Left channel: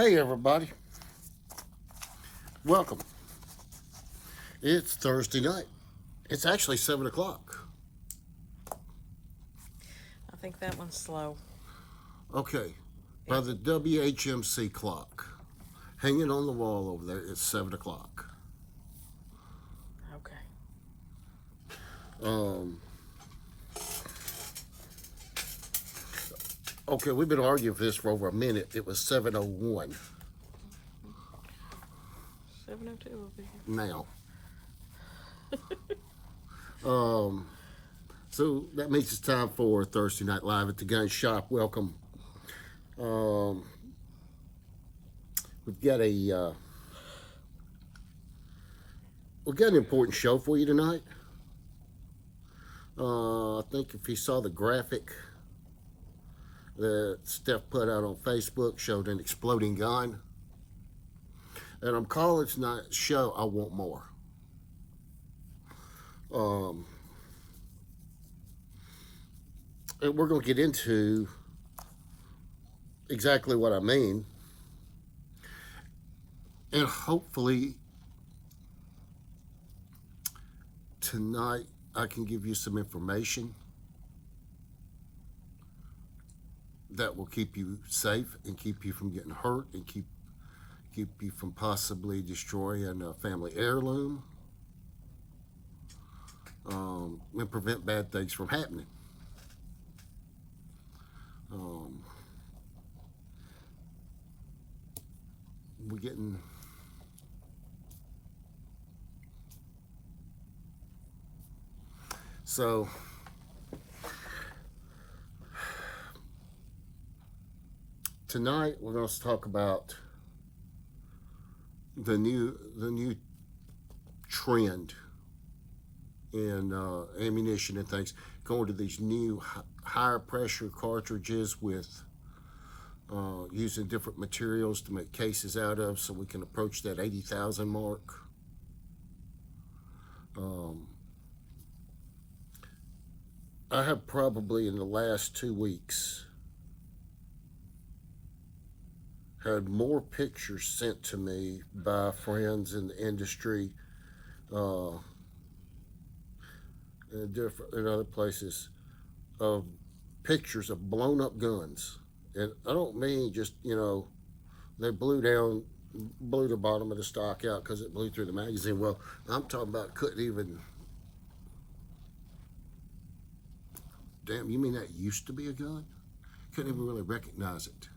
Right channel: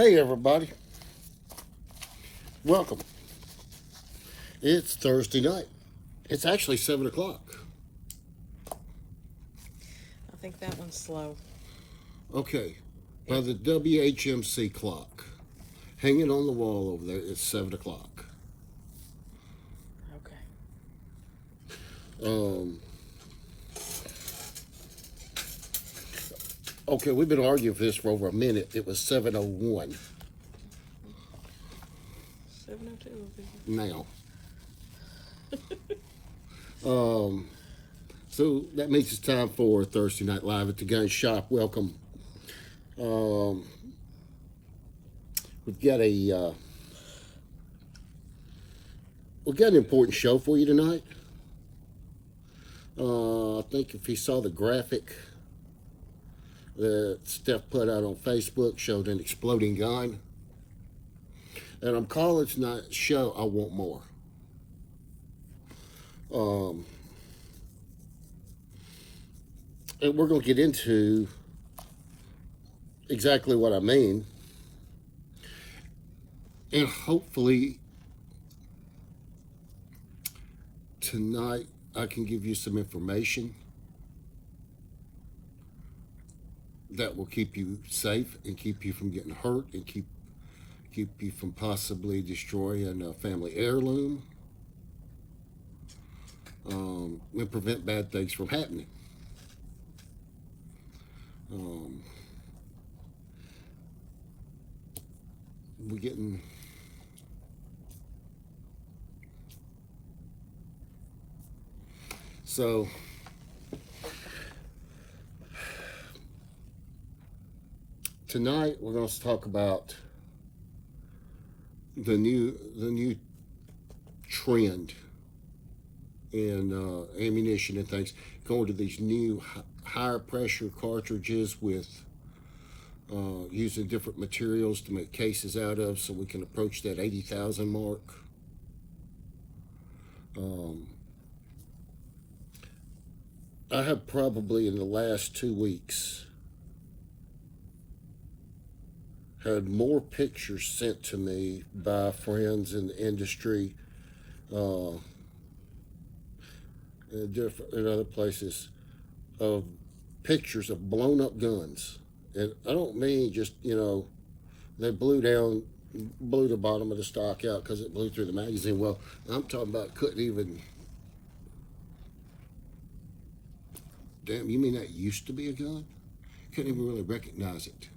Hey, everybody. Welcome. It's Thursday night. It's actually 7 o'clock. I think that one's slow. Okay. By the WHMC clock, hanging on the wall over there, it's 7 o'clock. Okay. Um, okay, we've been arguing for this for over a minute. It was 7:01 7:02 over here. now. So that means it's time for Thursday Night Live at the Gun Shop. Welcome. Um, we've got an important show for you tonight. I think if you saw the graphic that Steph put out on Facebook, showed an exploding gun. And I'm calling tonight's show I Want More. And we're going to get into exactly what I mean. And hopefully tonight I can give you some information that will keep you safe and keep you from getting hurt and keep you from possibly destroying a family heirloom, and prevent bad things from happening. We're getting so tonight we're going to talk about the new trend in ammunition and things, going to these new higher pressure cartridges with using different materials to make cases out of, so we can approach that 80,000 mark. I have probably in the last 2 weeks had more pictures sent to me by friends in the industry, in other places, of pictures of blown up guns. And I don't mean just, they blew the bottom of the stock out because it blew through the magazine. Well, I'm talking about couldn't even. Damn, you mean that used to be a gun? Couldn't even really recognize it.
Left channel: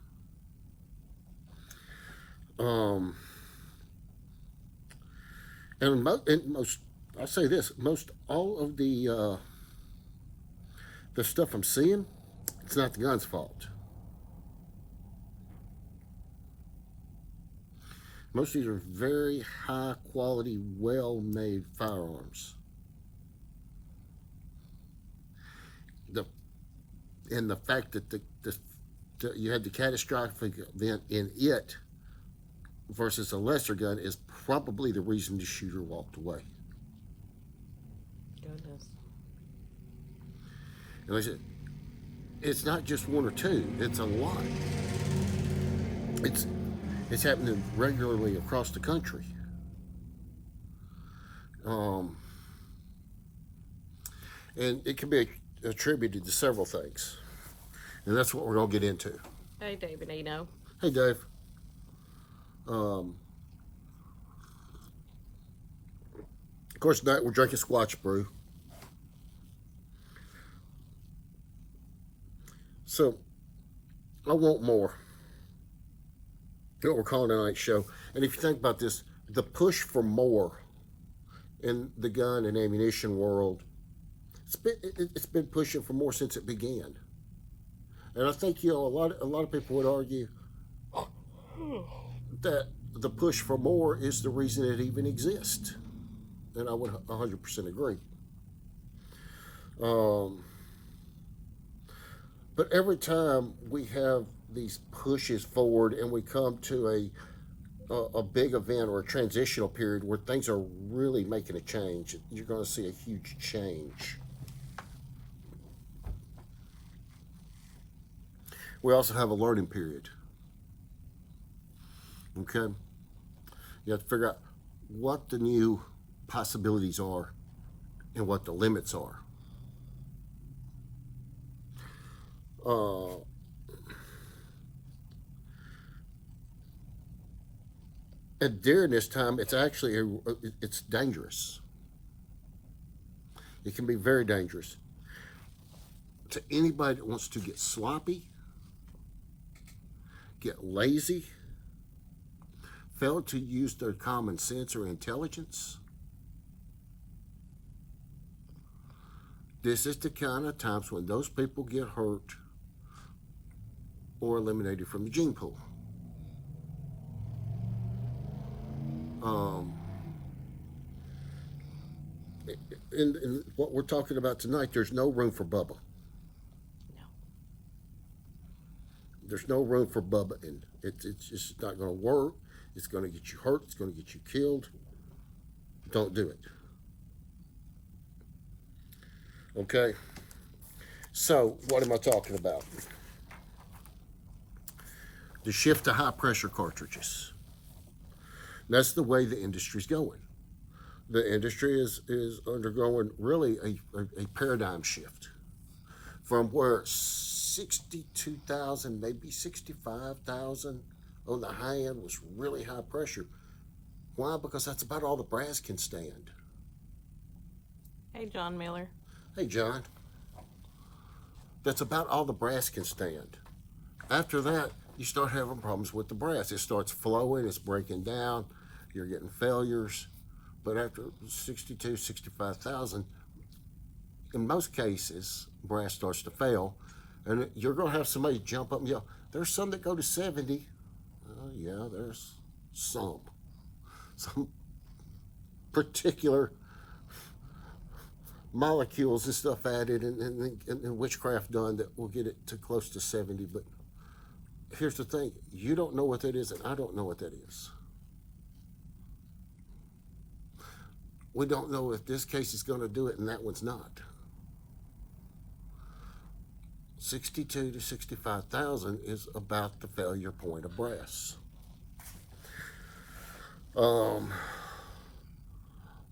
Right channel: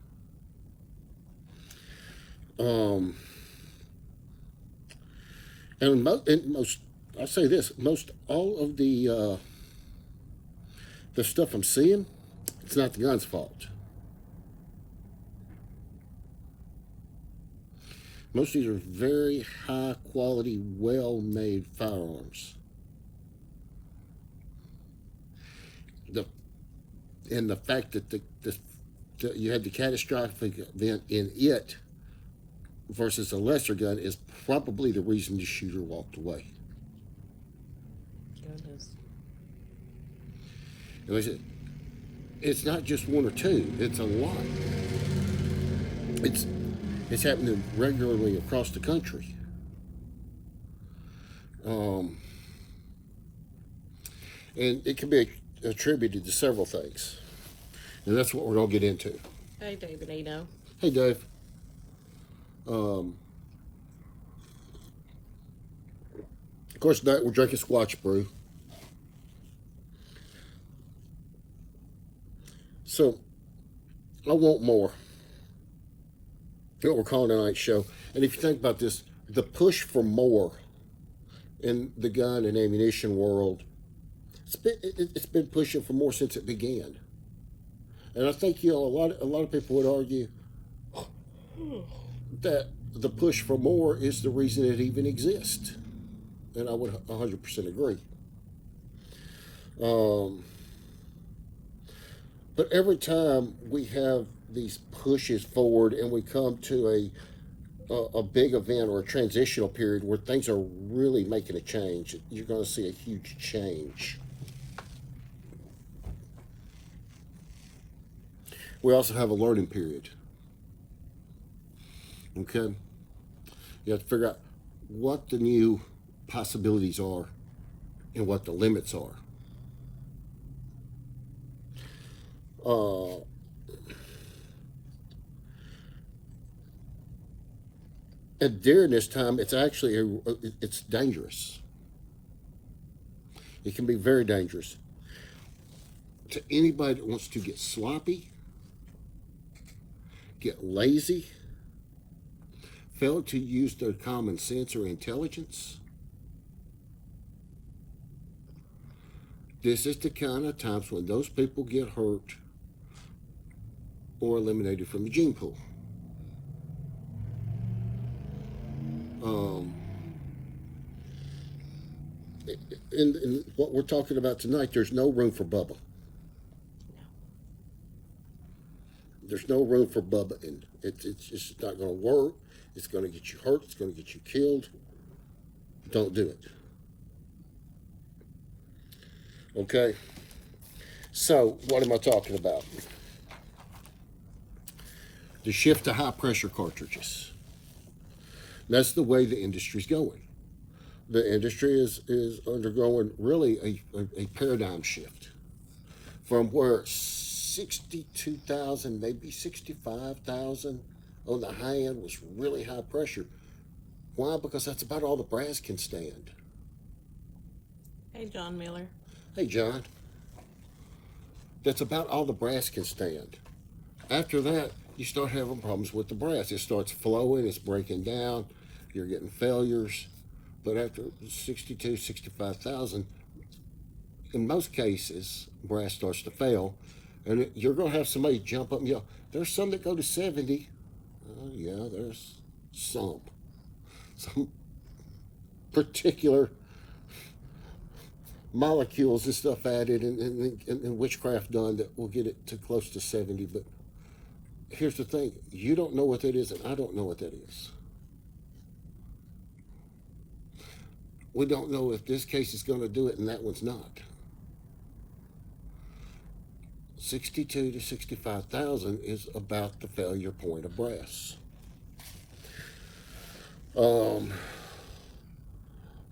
And most, I'll say this: most all of the stuff I'm seeing, it's not the gun's fault. Most of these are very high quality, well made firearms. And the fact that you had the catastrophic event in it versus a lesser gun is probably the reason the shooter walked away. Goodness. And like I said, it's not just one or two; it's a lot. It's happening regularly across the country. And it can be attributed to several things, and that's what we're going to get into. Hey, David Eno. Hey, Dave. Of course, tonight we're drinking Squatch Brew. So, I want more. What we're calling tonight's show. And if you think about this, the push for more in the gun and ammunition world, it's been pushing for more since it began. And I think a lot of people would argue that the push for more is the reason it even exists, and I would 100% agree. But every time we have these pushes forward and we come to a big event or a transitional period where things are really making a change, you're going to see a huge change. We also have a learning period. Okay? You have to figure out what the new possibilities are and what the limits are. And during this time, it's actually it's dangerous. It can be very dangerous to anybody that wants to get sloppy, get lazy, fail to use their common sense or intelligence. This is the kind of times when those people get hurt or eliminated from the gene pool. In what we're talking about tonight, there's no room for Bubba. There's no room for Bubba, and it's just not going to work. It's going to get you hurt. It's going to get you killed. Don't do it. Okay? So, what am I talking about? The shift to high pressure cartridges. That's the way the industry's going. The industry is undergoing really a paradigm shift from where 62,000, maybe 65,000 on the high end was really high pressure. Why? Because that's about all the brass can stand. Hey, John Miller. Hey, John. That's about all the brass can stand. After that, you start having problems with the brass. It starts flowing, it's breaking down, you're getting failures. But after 62, 65,000, in most cases, brass starts to fail. And you're going to have somebody jump up and yell, there's some that go to 70. Well, yeah, there's some particular molecules and stuff added and witchcraft done that will get it to close to 70. But here's the thing, you don't know what that is, and I don't know what that is. We don't know if this case is going to do it and that one's not. 62 to 65,000 is about the failure point of brass.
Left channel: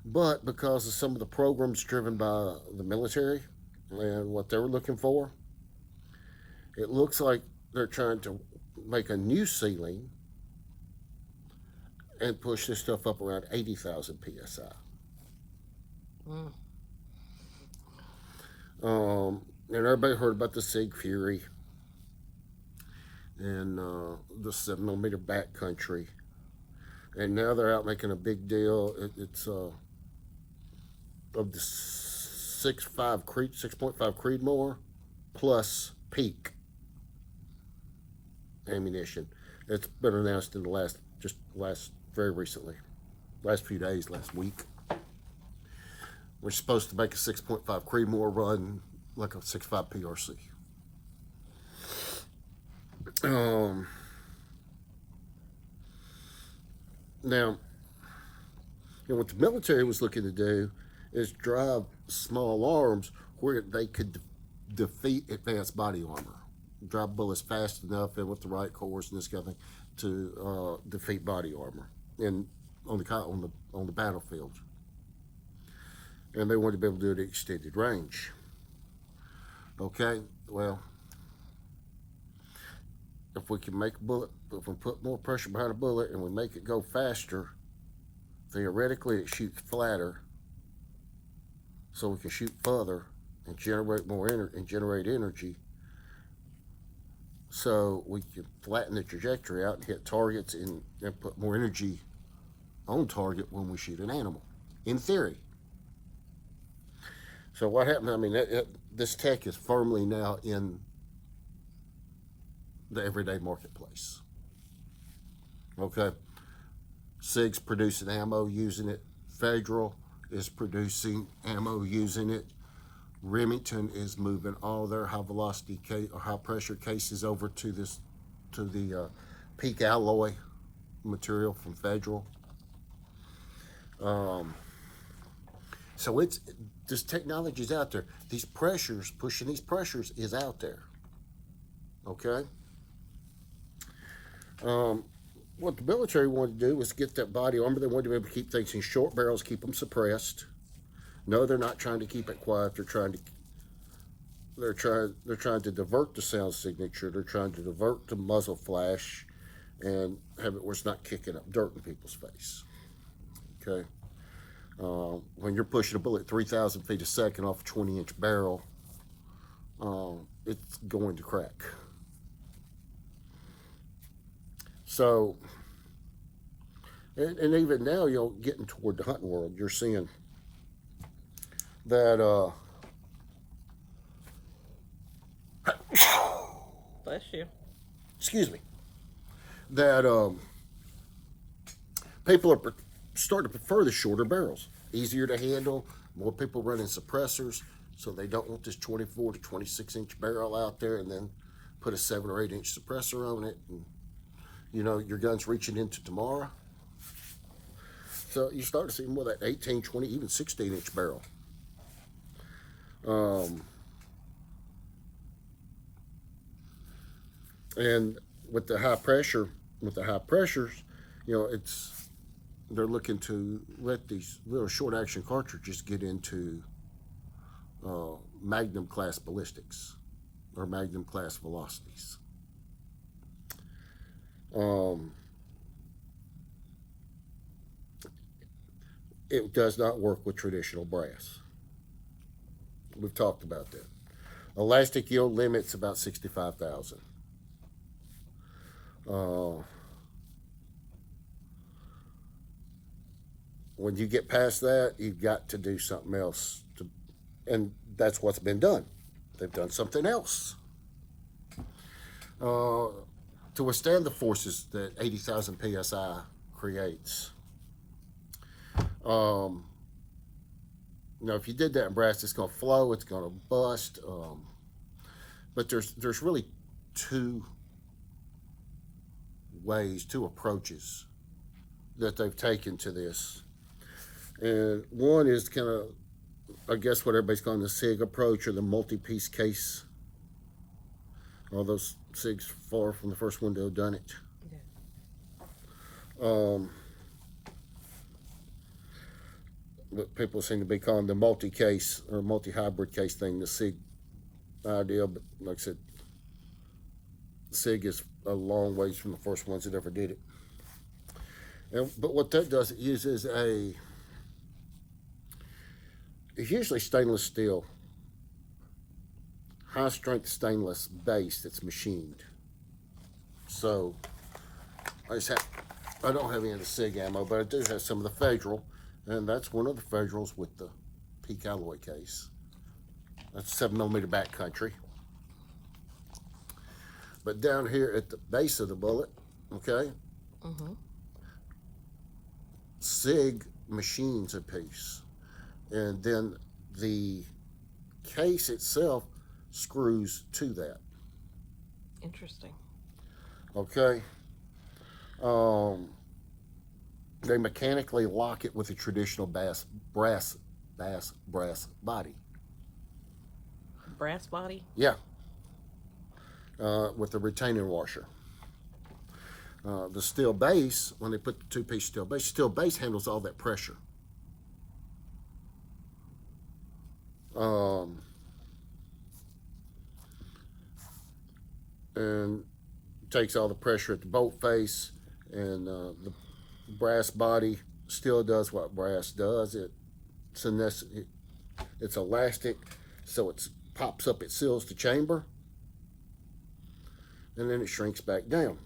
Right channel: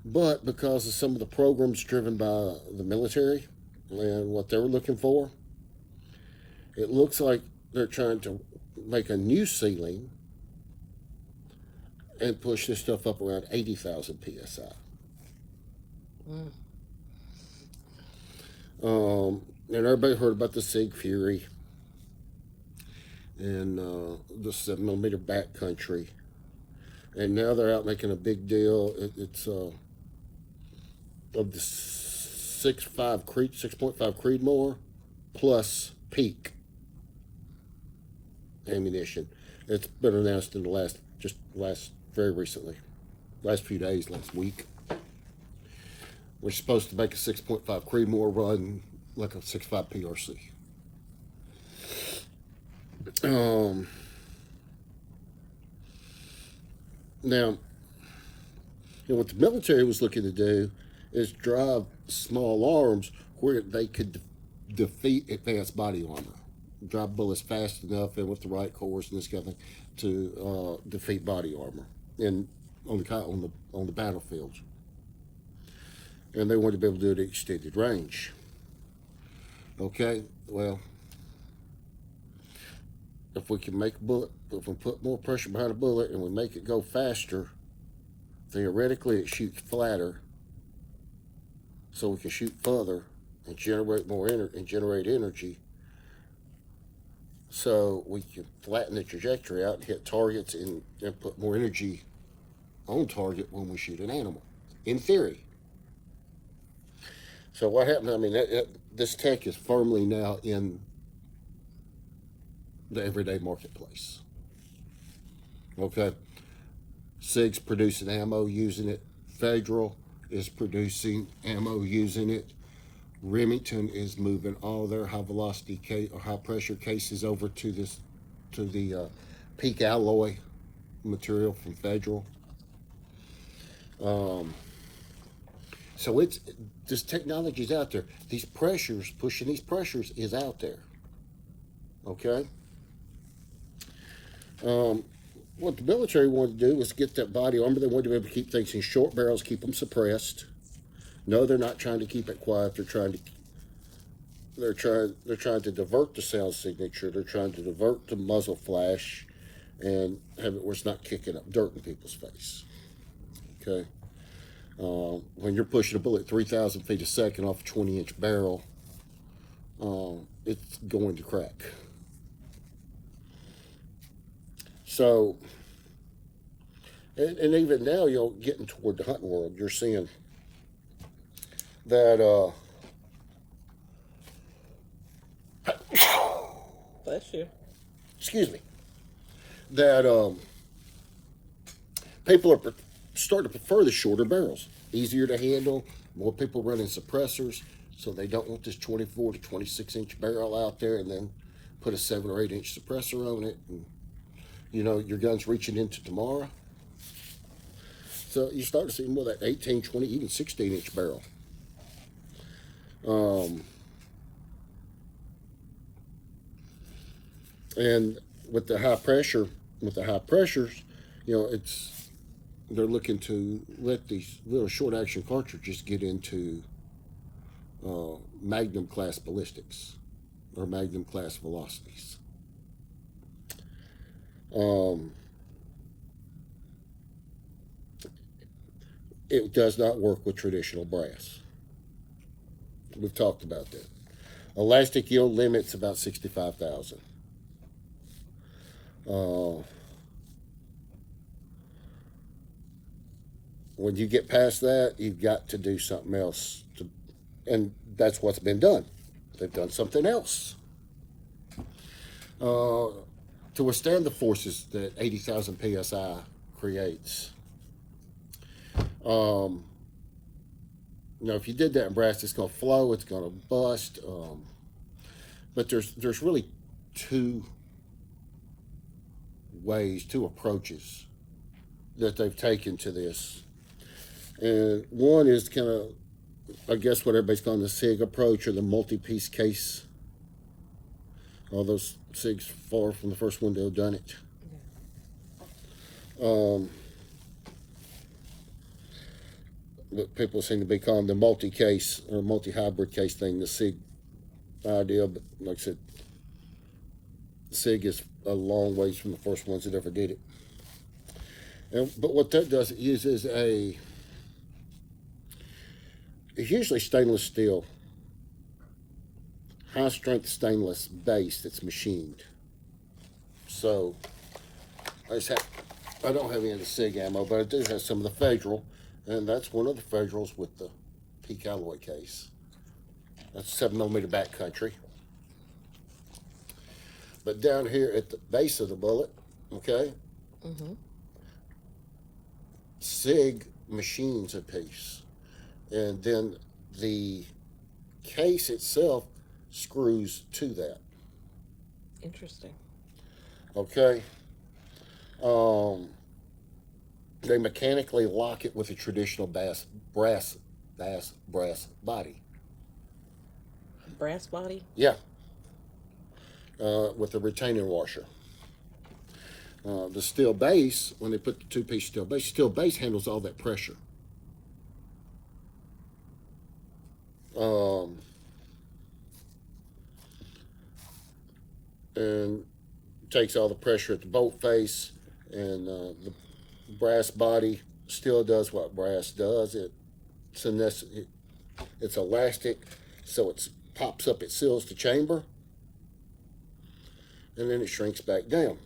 But because of some of the programs driven by the military and what they were looking for, it looks like they're trying to make a new ceiling and push this stuff up around 80,000 psi. And everybody heard about the Sig Fury and the 7mm backcountry, and now they're out making a big deal. It's of the 6.5 Creedmoor plus Peak ammunition. It's been announced in the last very recently, last few days, last week. We're supposed to make a 6.5 Creedmoor run like a 6.5 PRC. Now, what the military was looking to do is drive small arms where they could defeat advanced body armor, drive bullets fast enough and with the right course and this kind of thing to defeat body armor and on the battlefield. And they wanted to be able to do it at extended range. Okay, well, if we can make a bullet, if we put more pressure behind a bullet and we make it go faster, theoretically it shoots flatter, so we can shoot further and generate more energy. So we can flatten the trajectory out and hit targets and put more energy on target when we shoot an animal, in theory. So what happened? I mean, this tech is firmly now in the everyday marketplace. Okay, SIG's producing ammo using it. Federal is producing ammo using it. Remington is moving all their high velocity or high pressure cases over to the Peak alloy material from Federal. So this technology's out there. Pushing these pressures is out there. Okay? what the military wanted to do was get that body armor. They wanted to be able to keep things in short barrels, keep them suppressed. No, they're not trying to keep it quiet. They're trying to divert the sound signature. They're trying to divert the muzzle flash, and have it where it's not kicking up dirt in people's face. Okay. When you're pushing a bullet 3,000 feet a second off a 20-inch barrel, it's going to crack. So, and even now, getting toward the hunting world, you're seeing that, Bless you. excuse me, that people are starting to prefer the shorter barrels, easier to handle, more people running suppressors, so they don't want this 24 to 26 inch barrel out there and then put a 7 or 8 inch suppressor on it, and your gun's reaching into tomorrow. So you start to see more of that 18, 20, even 16 inch barrel. And with the high pressures, they're looking to let these little short action cartridges get into Magnum class ballistics or Magnum class velocities. It does not work with traditional brass. We've talked about that. Elastic yield limit's about 65,000. When you get past that, you've got to do something else, and that's what's been done. They've done something else to withstand the forces that 80,000 psi creates. If you did that in brass, it's going to flow, it's going to bust. But there's really two approaches that they've taken to this. And one is kind of, I guess, what everybody's calling the SIG approach, or the multi-piece case. All those SIGs far from the first one to have done it. But people seem to be calling the multi-case or multi-hybrid case thing the SIG idea. But like I said, SIG is a long ways from the first ones that ever did it. But what that does, it uses it's usually stainless steel, high strength stainless base that's machined. So I don't have any of the SIG ammo, but I do have some of the Federal, and that's one of the Federals with the peak alloy case. That's 7mm backcountry. But down here at the base of the bullet, okay, SIG machines a piece, and then the case itself screws to that. Interesting. Okay. They mechanically lock it with a traditional brass body. Brass body? Yeah. With a retaining washer. The steel base, when they put the two-piece steel base handles all that pressure. And takes all the pressure at the bolt face, and the brass body still does what brass does. It's elastic, so it pops up, it seals the chamber, and then it shrinks back down.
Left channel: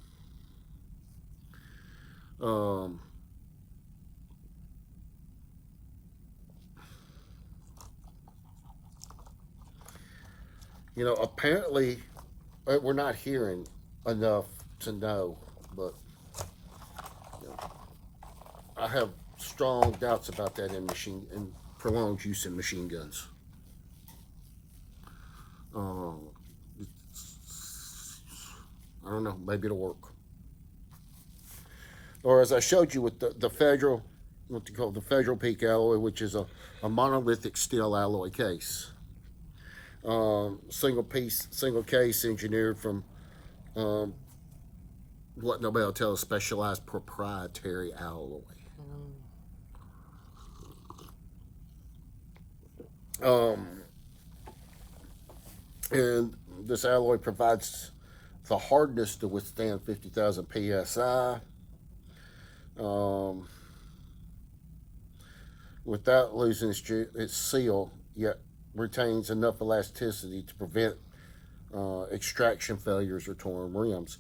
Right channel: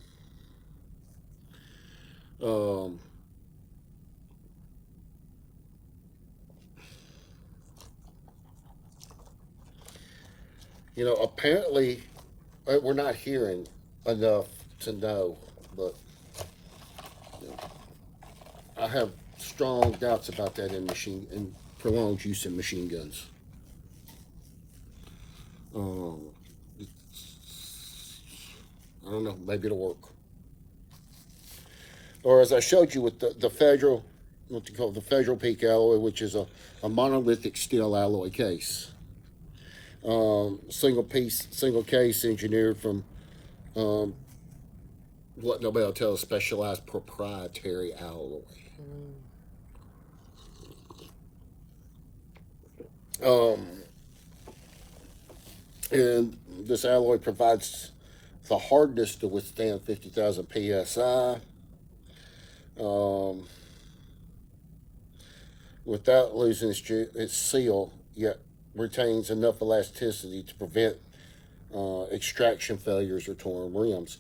Apparently, we're not hearing enough to know, but I have strong doubts about that in prolonged use in machine guns. I don't know, maybe it'll work. Or as I showed you with the Federal, what you call the Federal Peak Alloy, which is a monolithic steel alloy case. Single case engineered from what nobody will tell us, specialized proprietary alloy. Um, and this alloy provides the hardness to withstand 50,000 psi. Um, Without losing its seal, yet retains enough elasticity to prevent extraction failures or torn rims.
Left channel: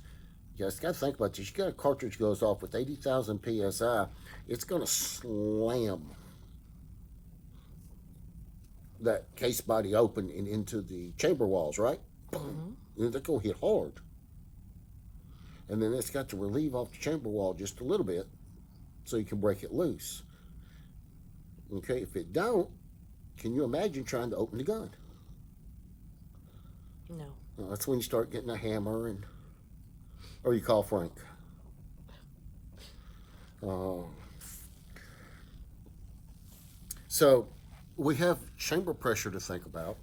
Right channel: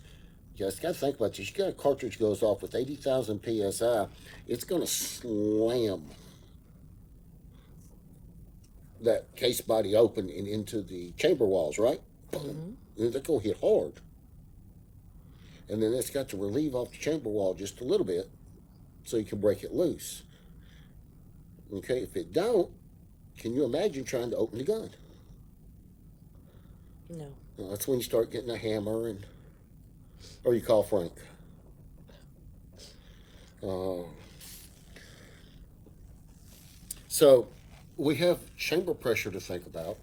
You guys got to think about this. You got a cartridge goes off with 80,000 psi, it's going to slam that case body open and into the chamber walls, right? Boom. And they're going to hit hard. And then it's got to relieve off the chamber wall just a little bit so you can break it loose. Okay, if it don't, can you imagine trying to open the gun? No. Well, that's when you start getting a hammer or you call Frank. So we have chamber pressure to think about,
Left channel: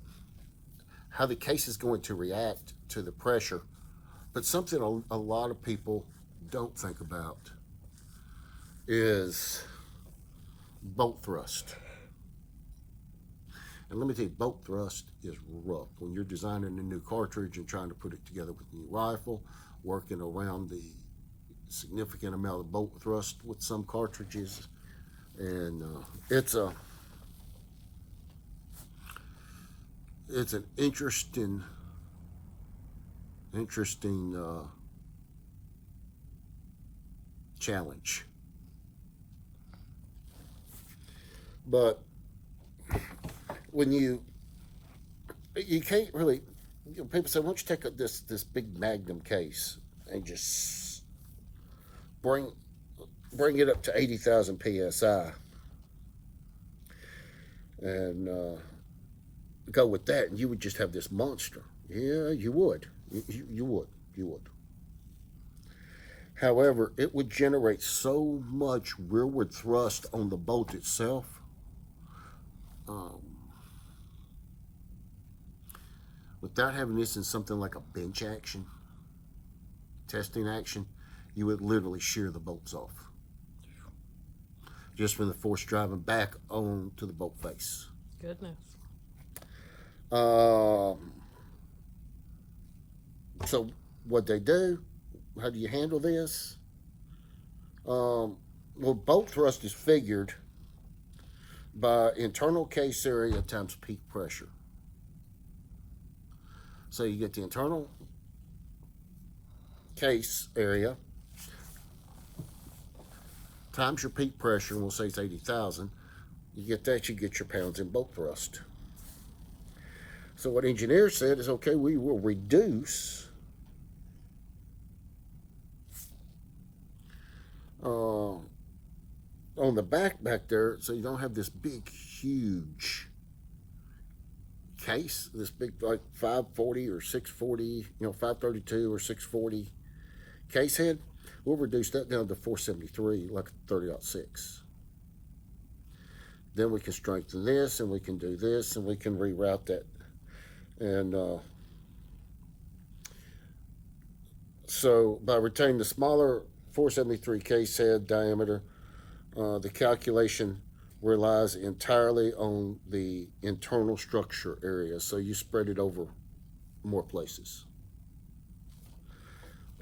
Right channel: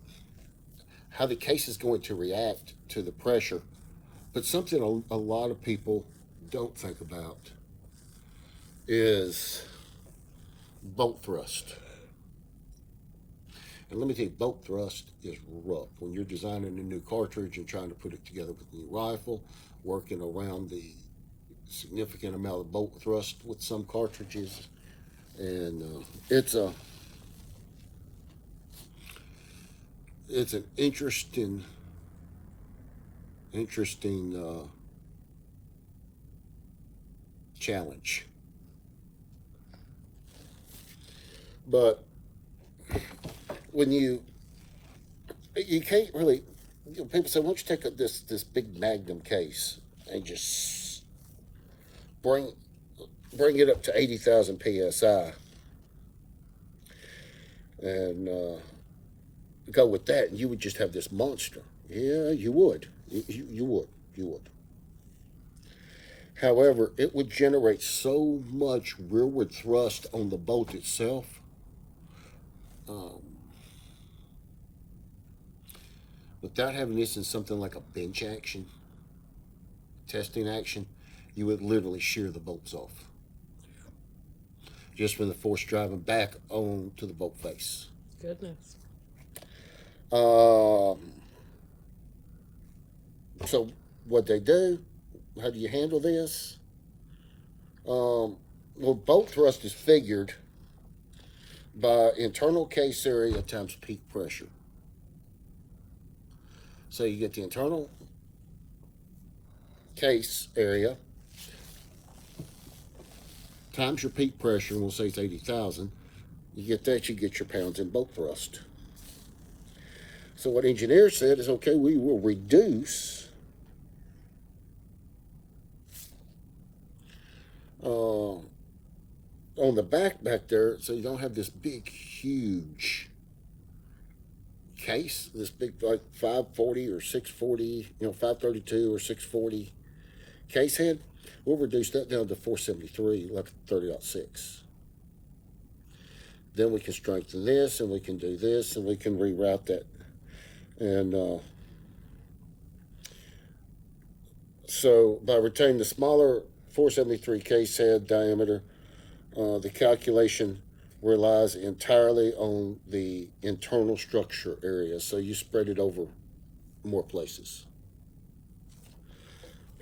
how the case is going to react to the pressure, but something a lot of people don't think about is bolt thrust. And let me tell you, bolt thrust is rough. When you're designing a new cartridge and trying to put it together with a new rifle, working around the significant amount of bolt thrust with some cartridges, and it's an interesting challenge. But when you can't really, people say, why don't you take this big Magnum case and just bring it up to 80,000 psi and go with that, and you would just have this monster. Yeah, you would. You would. However, it would generate so much rearward thrust on the bolt itself. Without having this in something like a bench action, testing action, you would literally shear the bolts off. Just from the force driving back onto the bolt face. Goodness. So what they do, how do you handle this? Well, bolt thrust is figured by internal case area times peak pressure. So you get the internal case area times your peak pressure, and we'll say it's 80,000. You get that, you get your pounds in bolt thrust. So what engineers said is, okay, we will reduce on the back there, so you don't have this big, huge case, this big like 540 or 640, 532 or 640 case head. We'll reduce that down to 473, like 30-06. Then we can strengthen this, and we can do this, and we can reroute that. And so by retaining the smaller 473 case head diameter, the calculation relies entirely on the internal structure area, so you spread it over more places.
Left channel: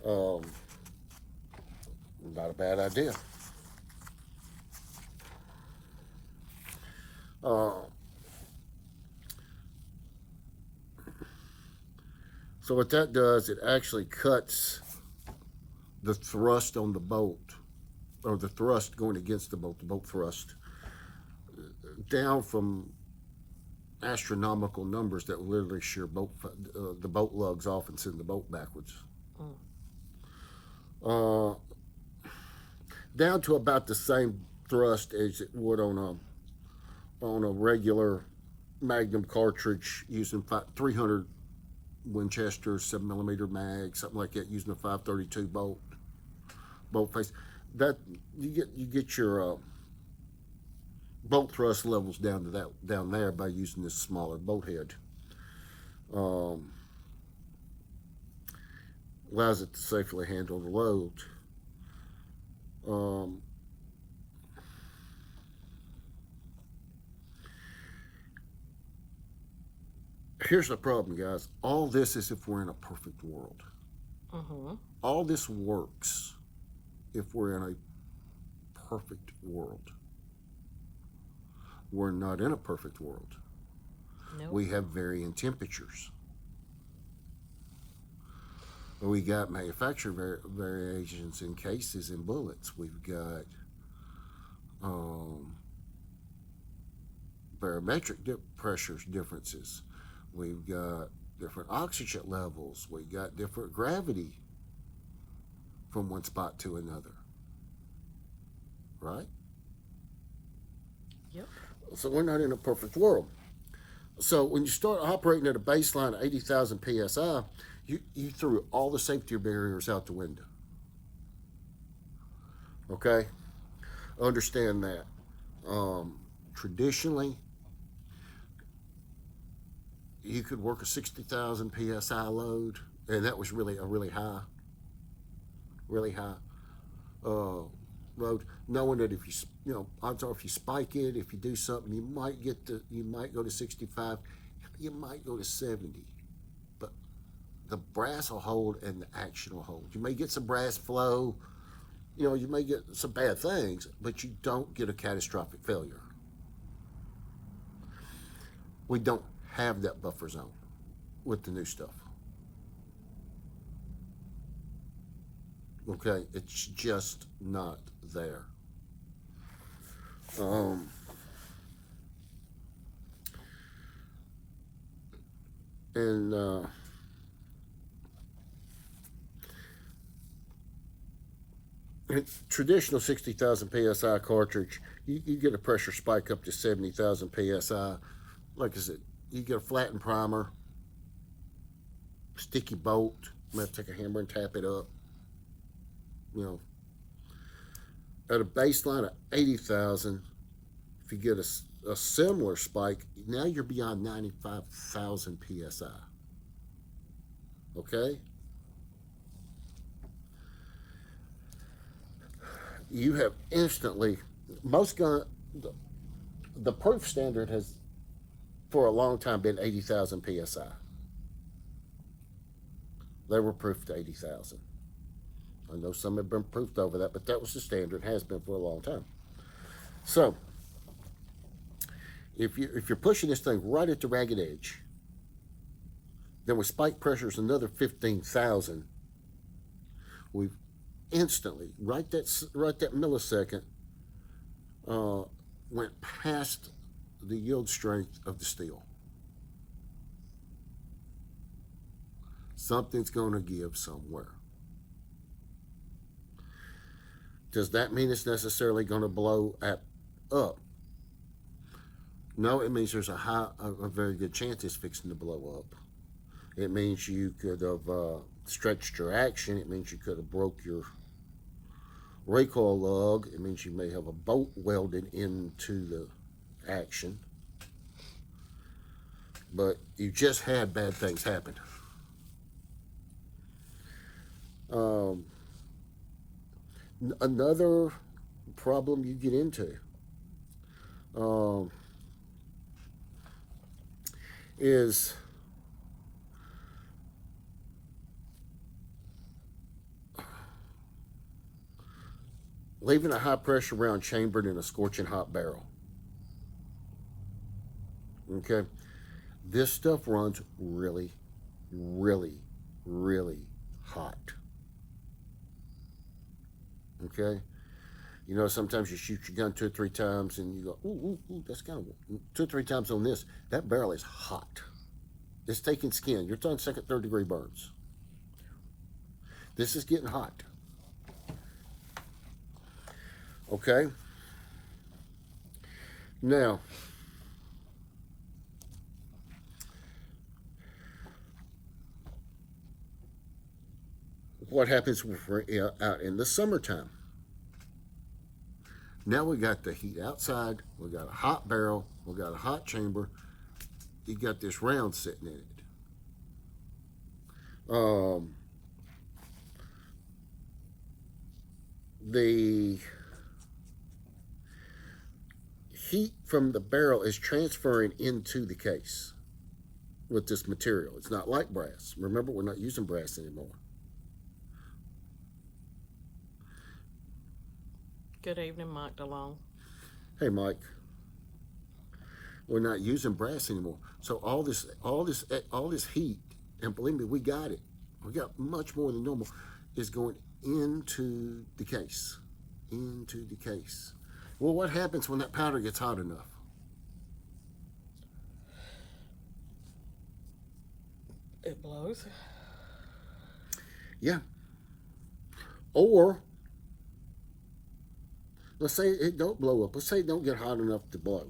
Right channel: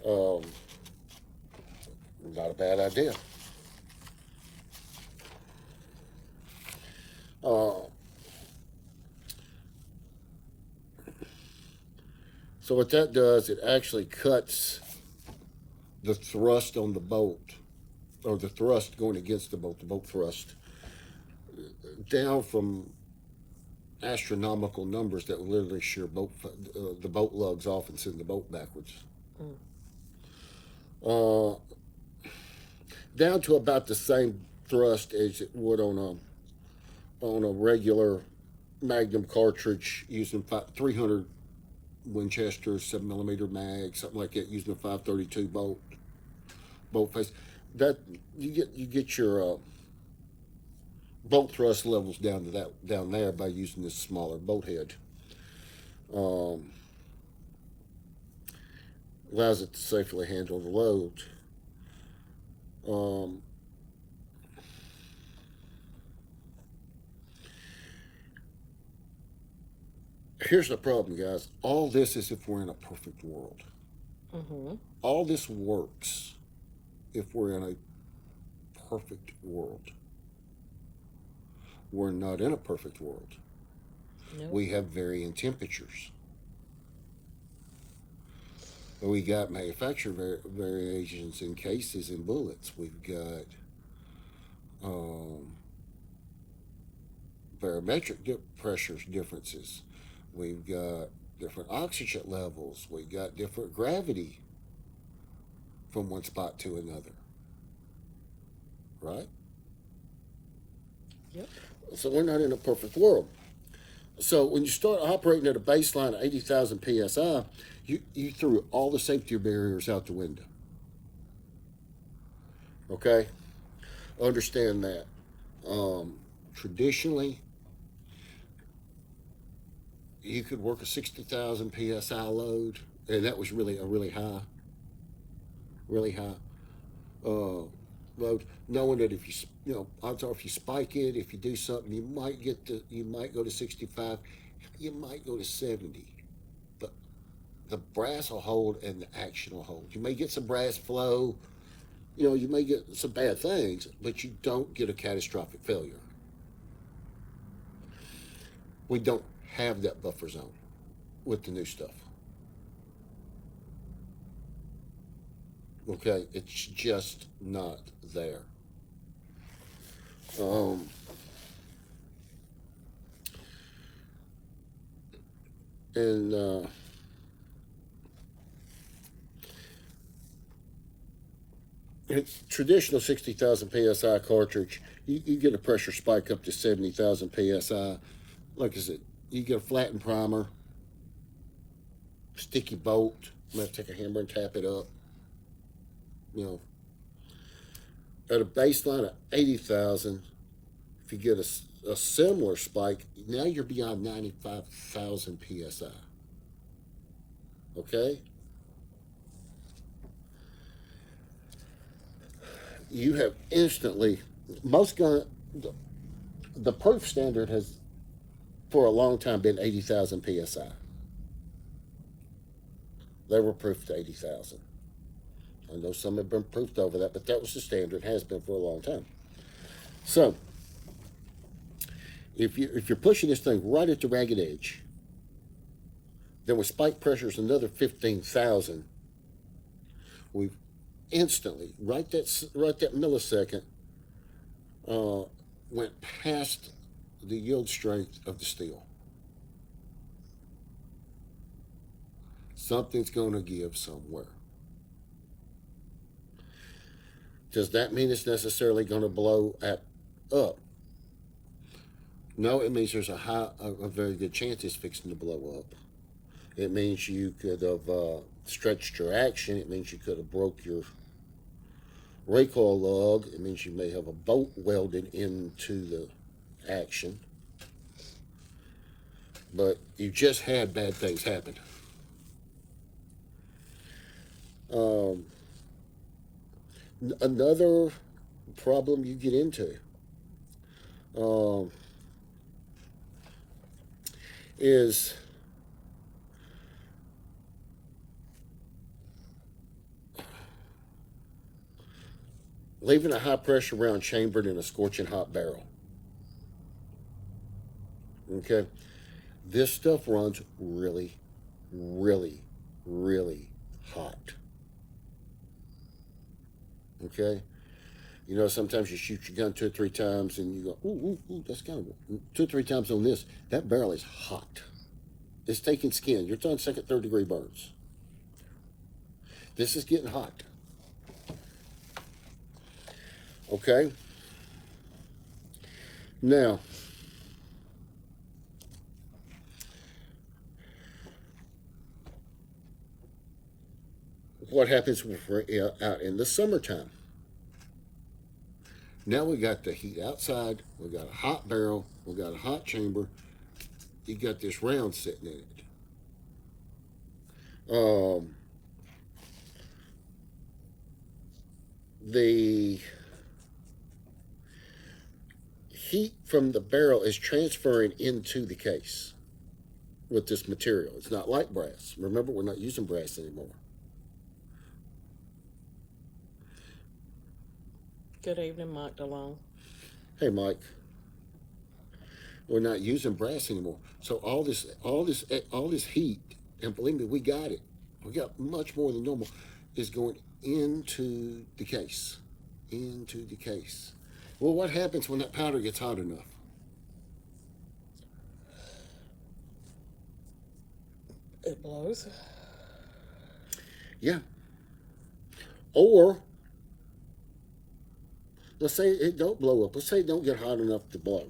Not a bad idea. So what that does, it actually cuts the thrust on the bolt, or the thrust going against the bolt thrust, down from astronomical numbers that will literally shear the bolt lugs off and send the bolt backwards. Down to about the same thrust as it would on a regular Magnum cartridge using 300 Winchester 7mm mag, something like that, using a 532 bolt face. That you get your bolt thrust levels down there by using this smaller bolt head. allows it to safely handle the load. Um, Here's the problem, guys. All this is if we're in a perfect world. Mm-hmm. All this works if we're in a perfect world. We're not in a perfect world. Nope. We have varying temperatures. We got manufacturer variations in cases and bullets. We've got um, barometric pressures differences. We've got different oxygen levels. We've got different gravity from one spot to another. Right? Yep. So we're not in a perfect world. So when you start operating at a baseline of 80,000 psi, you threw all the safety barriers out the window. Okay? Understand that. Traditionally, you could work a 60,000 psi load, and that was really a really high uh, load. Knowing that if odds are if you spike it, if you do something, you might go to 65, you might go to 70, but the brass will hold and the action will hold. You may get some brass flow, you may get some bad things, but you don't get a catastrophic failure. We don't have that buffer zone with the new stuff. Okay, it's just not there. And it's traditional 60,000 psi cartridge. You get a pressure spike up to 70,000 psi. Like I said, you get a flattened primer, sticky bolt. You have to take a hammer and tap it up. At a baseline of 80,000, if you get a similar spike, now you're beyond 95,000 psi. Okay? You have instantly, most gun, the proof standard has for a long time been 80,000 psi. They were proofed to 80,000. I know some have been proofed over that, but that was the standard, has been for a long time. So, if you're pushing this thing right at the ragged edge, then with spike pressures another 15,000, we've instantly, right that millisecond, went past the yield strength of the steel. Something's going to give somewhere. Does that mean it's necessarily going to blow up? No, it means there's a very good chance it's fixing to blow up. It means you could have stretched your action. It means you could have broke your recoil lug. It means you may have a bolt welded into the action. But you just had bad things happen. Another problem you get into is leaving a high pressure round chambered in a scorching hot barrel. Okay, this stuff runs really, really, really hot. Okay, sometimes you shoot your gun 2 or 3 times and you go, ooh, that's kind of 2 or 3 times on this. That barrel is hot. It's taking skin. You're talking second, third degree burns. This is getting hot. Okay. Now, what happens when we're out in the summertime? Now we got the heat outside. We got a hot barrel. We got a hot chamber. You got this round sitting in it. the heat from the barrel is transferring into the case with this material. It's not like brass. Remember, we're not using brass anymore. Good evening, Mike DeLong. Hey, Mike. We're not using brass anymore. So all this heat, and believe me, we got it. We got much more than normal, is going into the case. Into the case. Well, what happens when that powder gets hot enough? It blows. Yeah. Or let's say it don't blow up. Let's say it don't get hot enough to blow.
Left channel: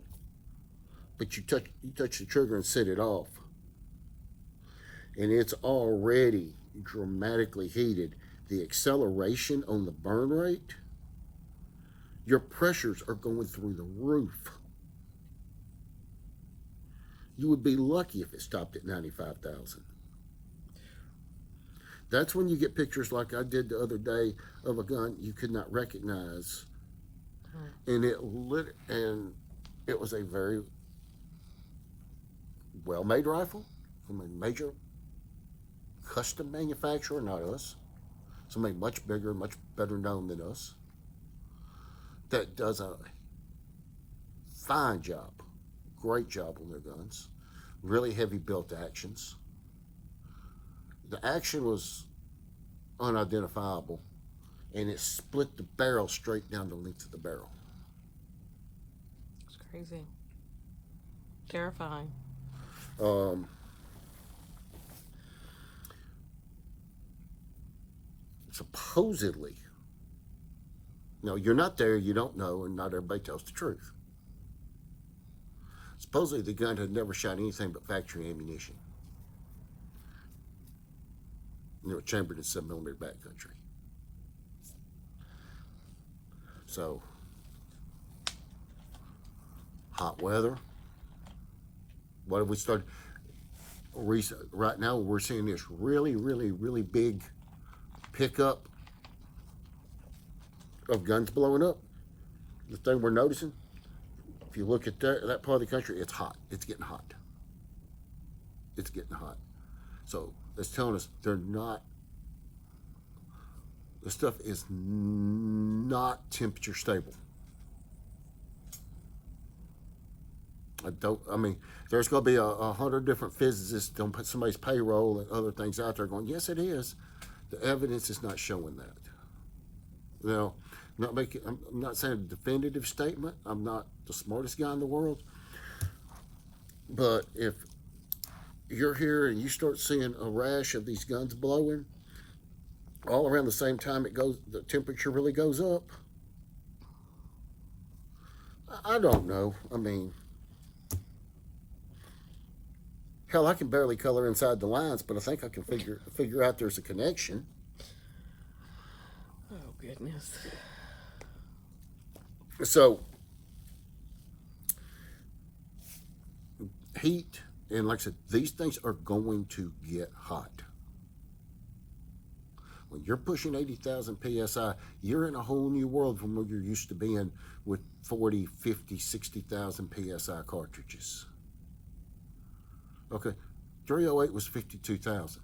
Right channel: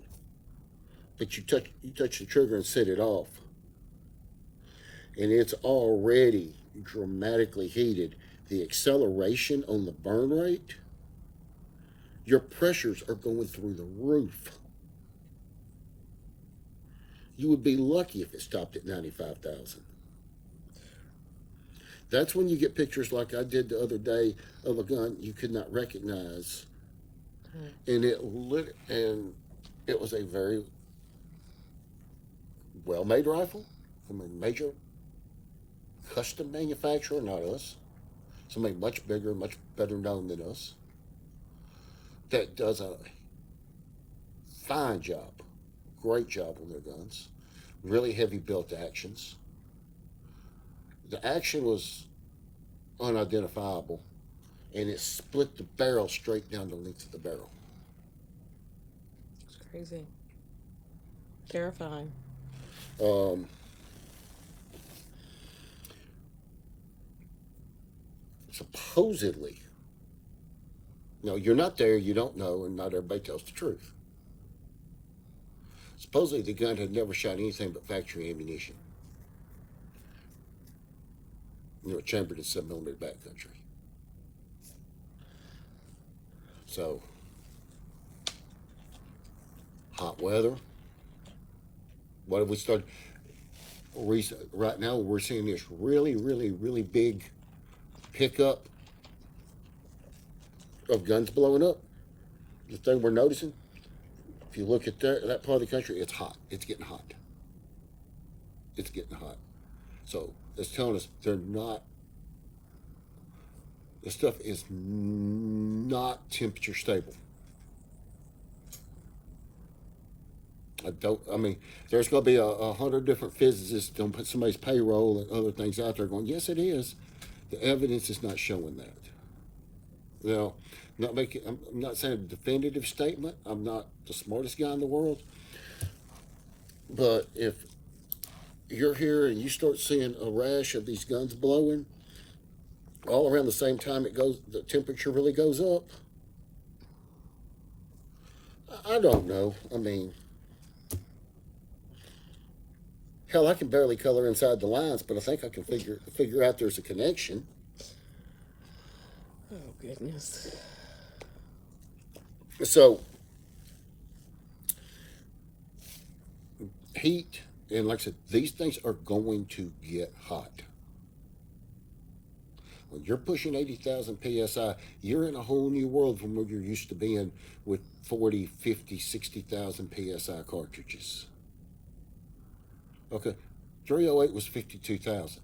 But you touch the trigger and set it off. And it's already dramatically heated. The acceleration on the burn rate, your pressures are going through the roof. You would be lucky if it stopped at 95,000. That's when you get pictures like I did the other day of a gun you could not recognize. And it was a very well-made rifle from a major custom manufacturer, not us. Somebody much bigger, much better known than us, that does a fine job, great job on their guns, really heavy built actions. The action was unidentifiable, and it split the barrel straight down the length of the barrel. It's crazy. Terrifying. Supposedly, no, you're not there, you don't know, and not everybody tells the truth. Supposedly, the gun had never shot anything but factory ammunition. Chambered in 7mm backcountry. So, hot weather. What have we started? Right now, we're seeing this really, really, really big pickup of guns blowing up. The thing we're noticing, if you look at that part of the country, it's hot. It's getting hot. It's getting hot. So it's telling us this stuff is not temperature stable. There's going to be 100 different physicists on somebody's payroll and other things out there going, yes, it is. The evidence is not showing that. Now, I'm not saying a definitive statement. I'm not the smartest guy in the world. But if you're here and you start seeing a rash of these guns blowing all around the same time the temperature really goes up, I don't know. Hell, I can barely color inside the lines, but I think I can figure out there's a connection. Oh, goodness. So, heat, and like I said, these things are going to get hot. When you're pushing 80,000 PSI, you're in a whole new world from where you're used to being with 40, 50, 60,000 PSI cartridges. Okay, 308 was 52,000.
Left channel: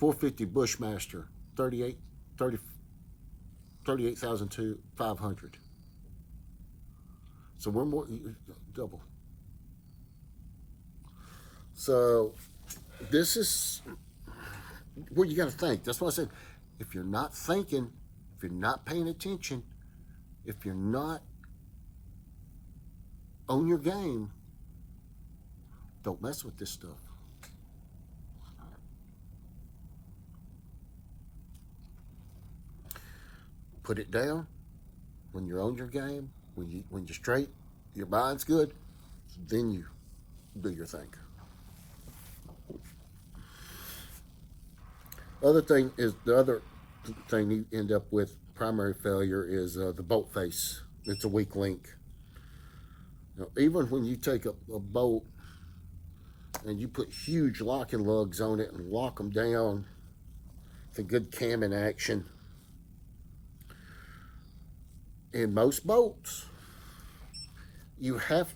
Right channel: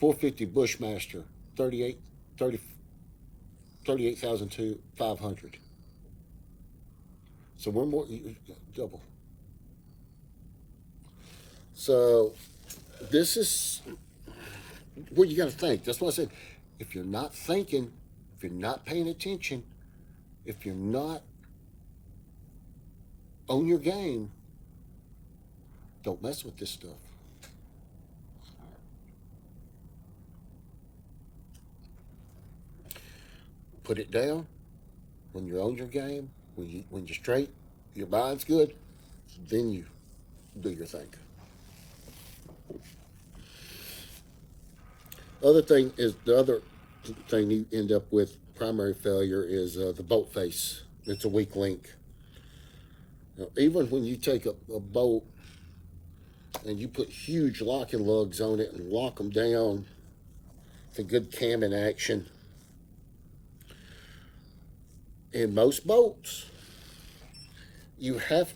.450 Bushmaster, 38,500. So we're more double. So this is what you got to think. That's why I said, if you're not thinking, if you're not paying attention, if you're not on your game, don't mess with this stuff. Put it down when you're on your game, when you're straight, your mind's good, then you do your thing. The other thing you end up with primary failure is the bolt face. It's a weak link. Now, even when you take a bolt and you put huge locking lugs on it and lock them down, the good camming action. In most boats, you have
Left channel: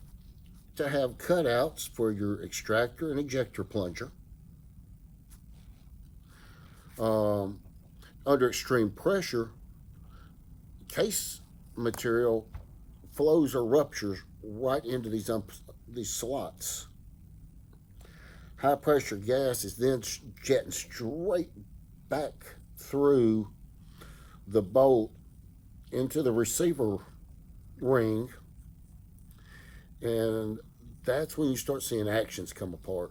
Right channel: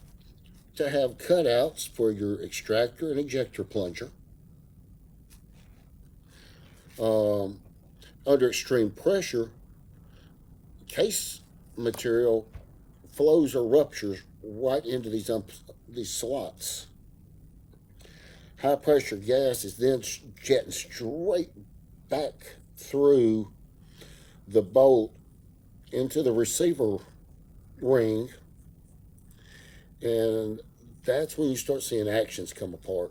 to have cutouts for your extractor and ejector plunger. Under extreme pressure, case material flows or ruptures right into these slots. High pressure gas is then jetting straight back through the bolt into the receiver ring, and that's when you start seeing actions come apart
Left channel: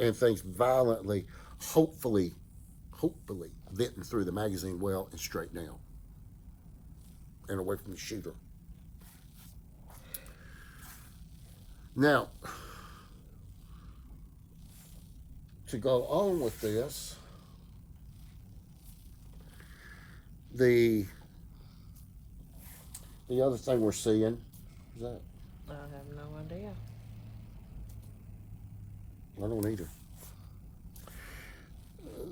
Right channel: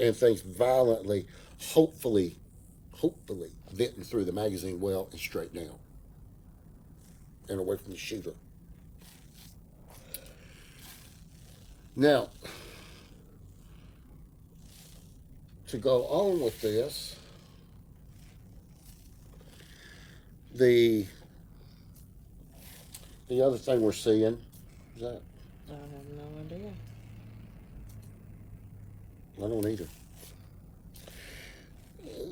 and things violently, hopefully venting through the magazine well and straight down and away from the shooter. Now, to go on with this, the other thing we're seeing is that I have no idea. I don't either.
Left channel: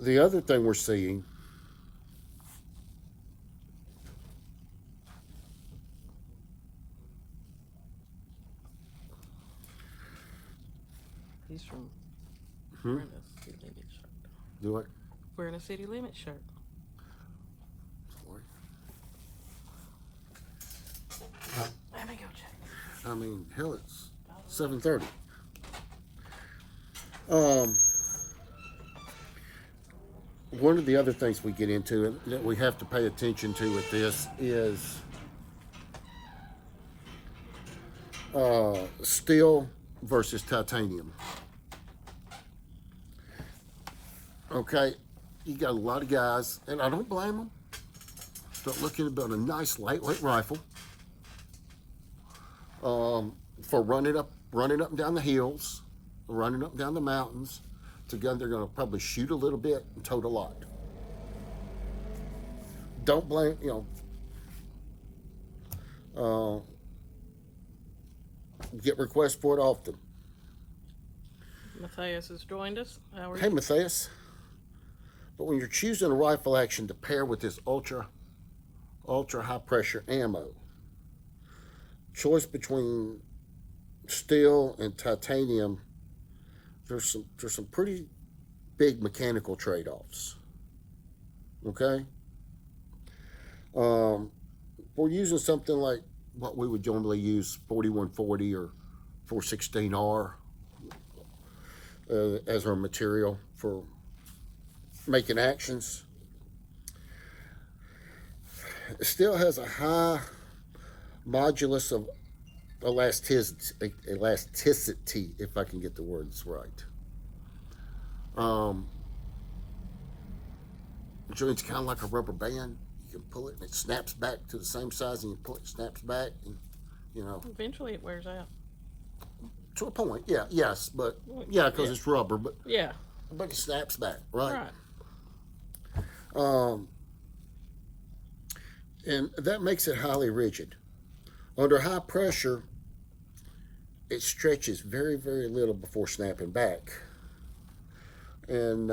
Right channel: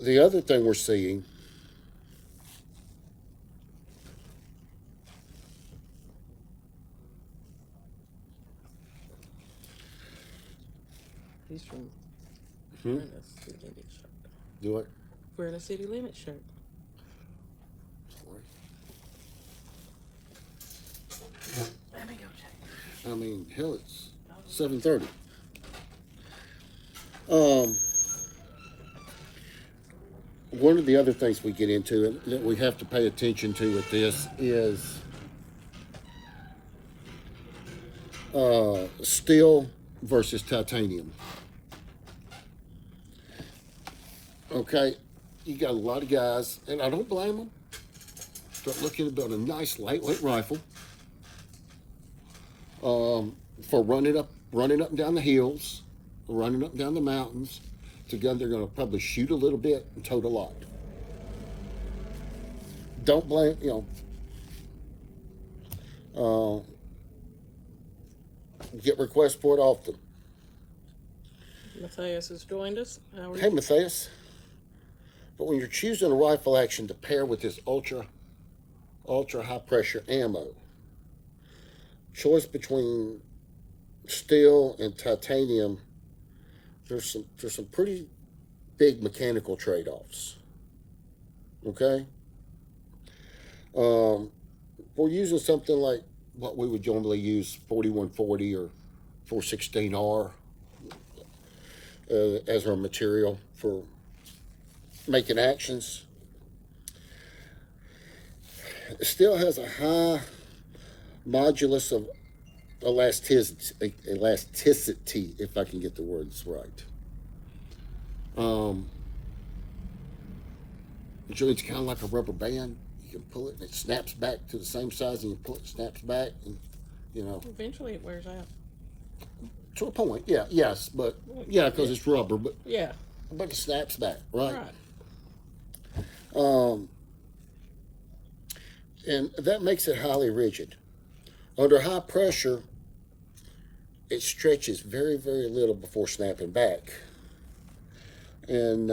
The other thing we're seeing He's from Hmm? wearing a city limit shirt. do it. Wearing a city limit shirt. Let me go check. I mean, hell, it's 7:30. One of the other things we get into and that we have to pay attention to with this is steel versus titanium. Okay, you got a lot of guys, and I don't blame them, start looking about a nice lightweight rifle for running up and down the hills, running up and down the mountains. It's a gun they're going to probably shoot a little bit and tote a lot. Don't blame, get requests for it often. Matthias has joined us. How are Hey, you? Matthias. But when you're choosing a rifle action to pair with this ultra high pressure ammo, choice between steel and titanium, there's some pretty big mechanical trade-offs. Okay? We're using something like what we would normally use, 4140 or 416R as our material for making actions. It still has a high modulus of elasticity, if I can get the words right. The joint's kind of like a rubber band. You can pull it and it snaps back to the same size, and you pull it, snaps back, and Eventually it wears out. to a point. Yeah, yes, but yeah, because it's rubber, but Yeah. it snaps back, right? Right. And that makes it highly rigid. Under high pressure, it stretches very, very little before snapping back. And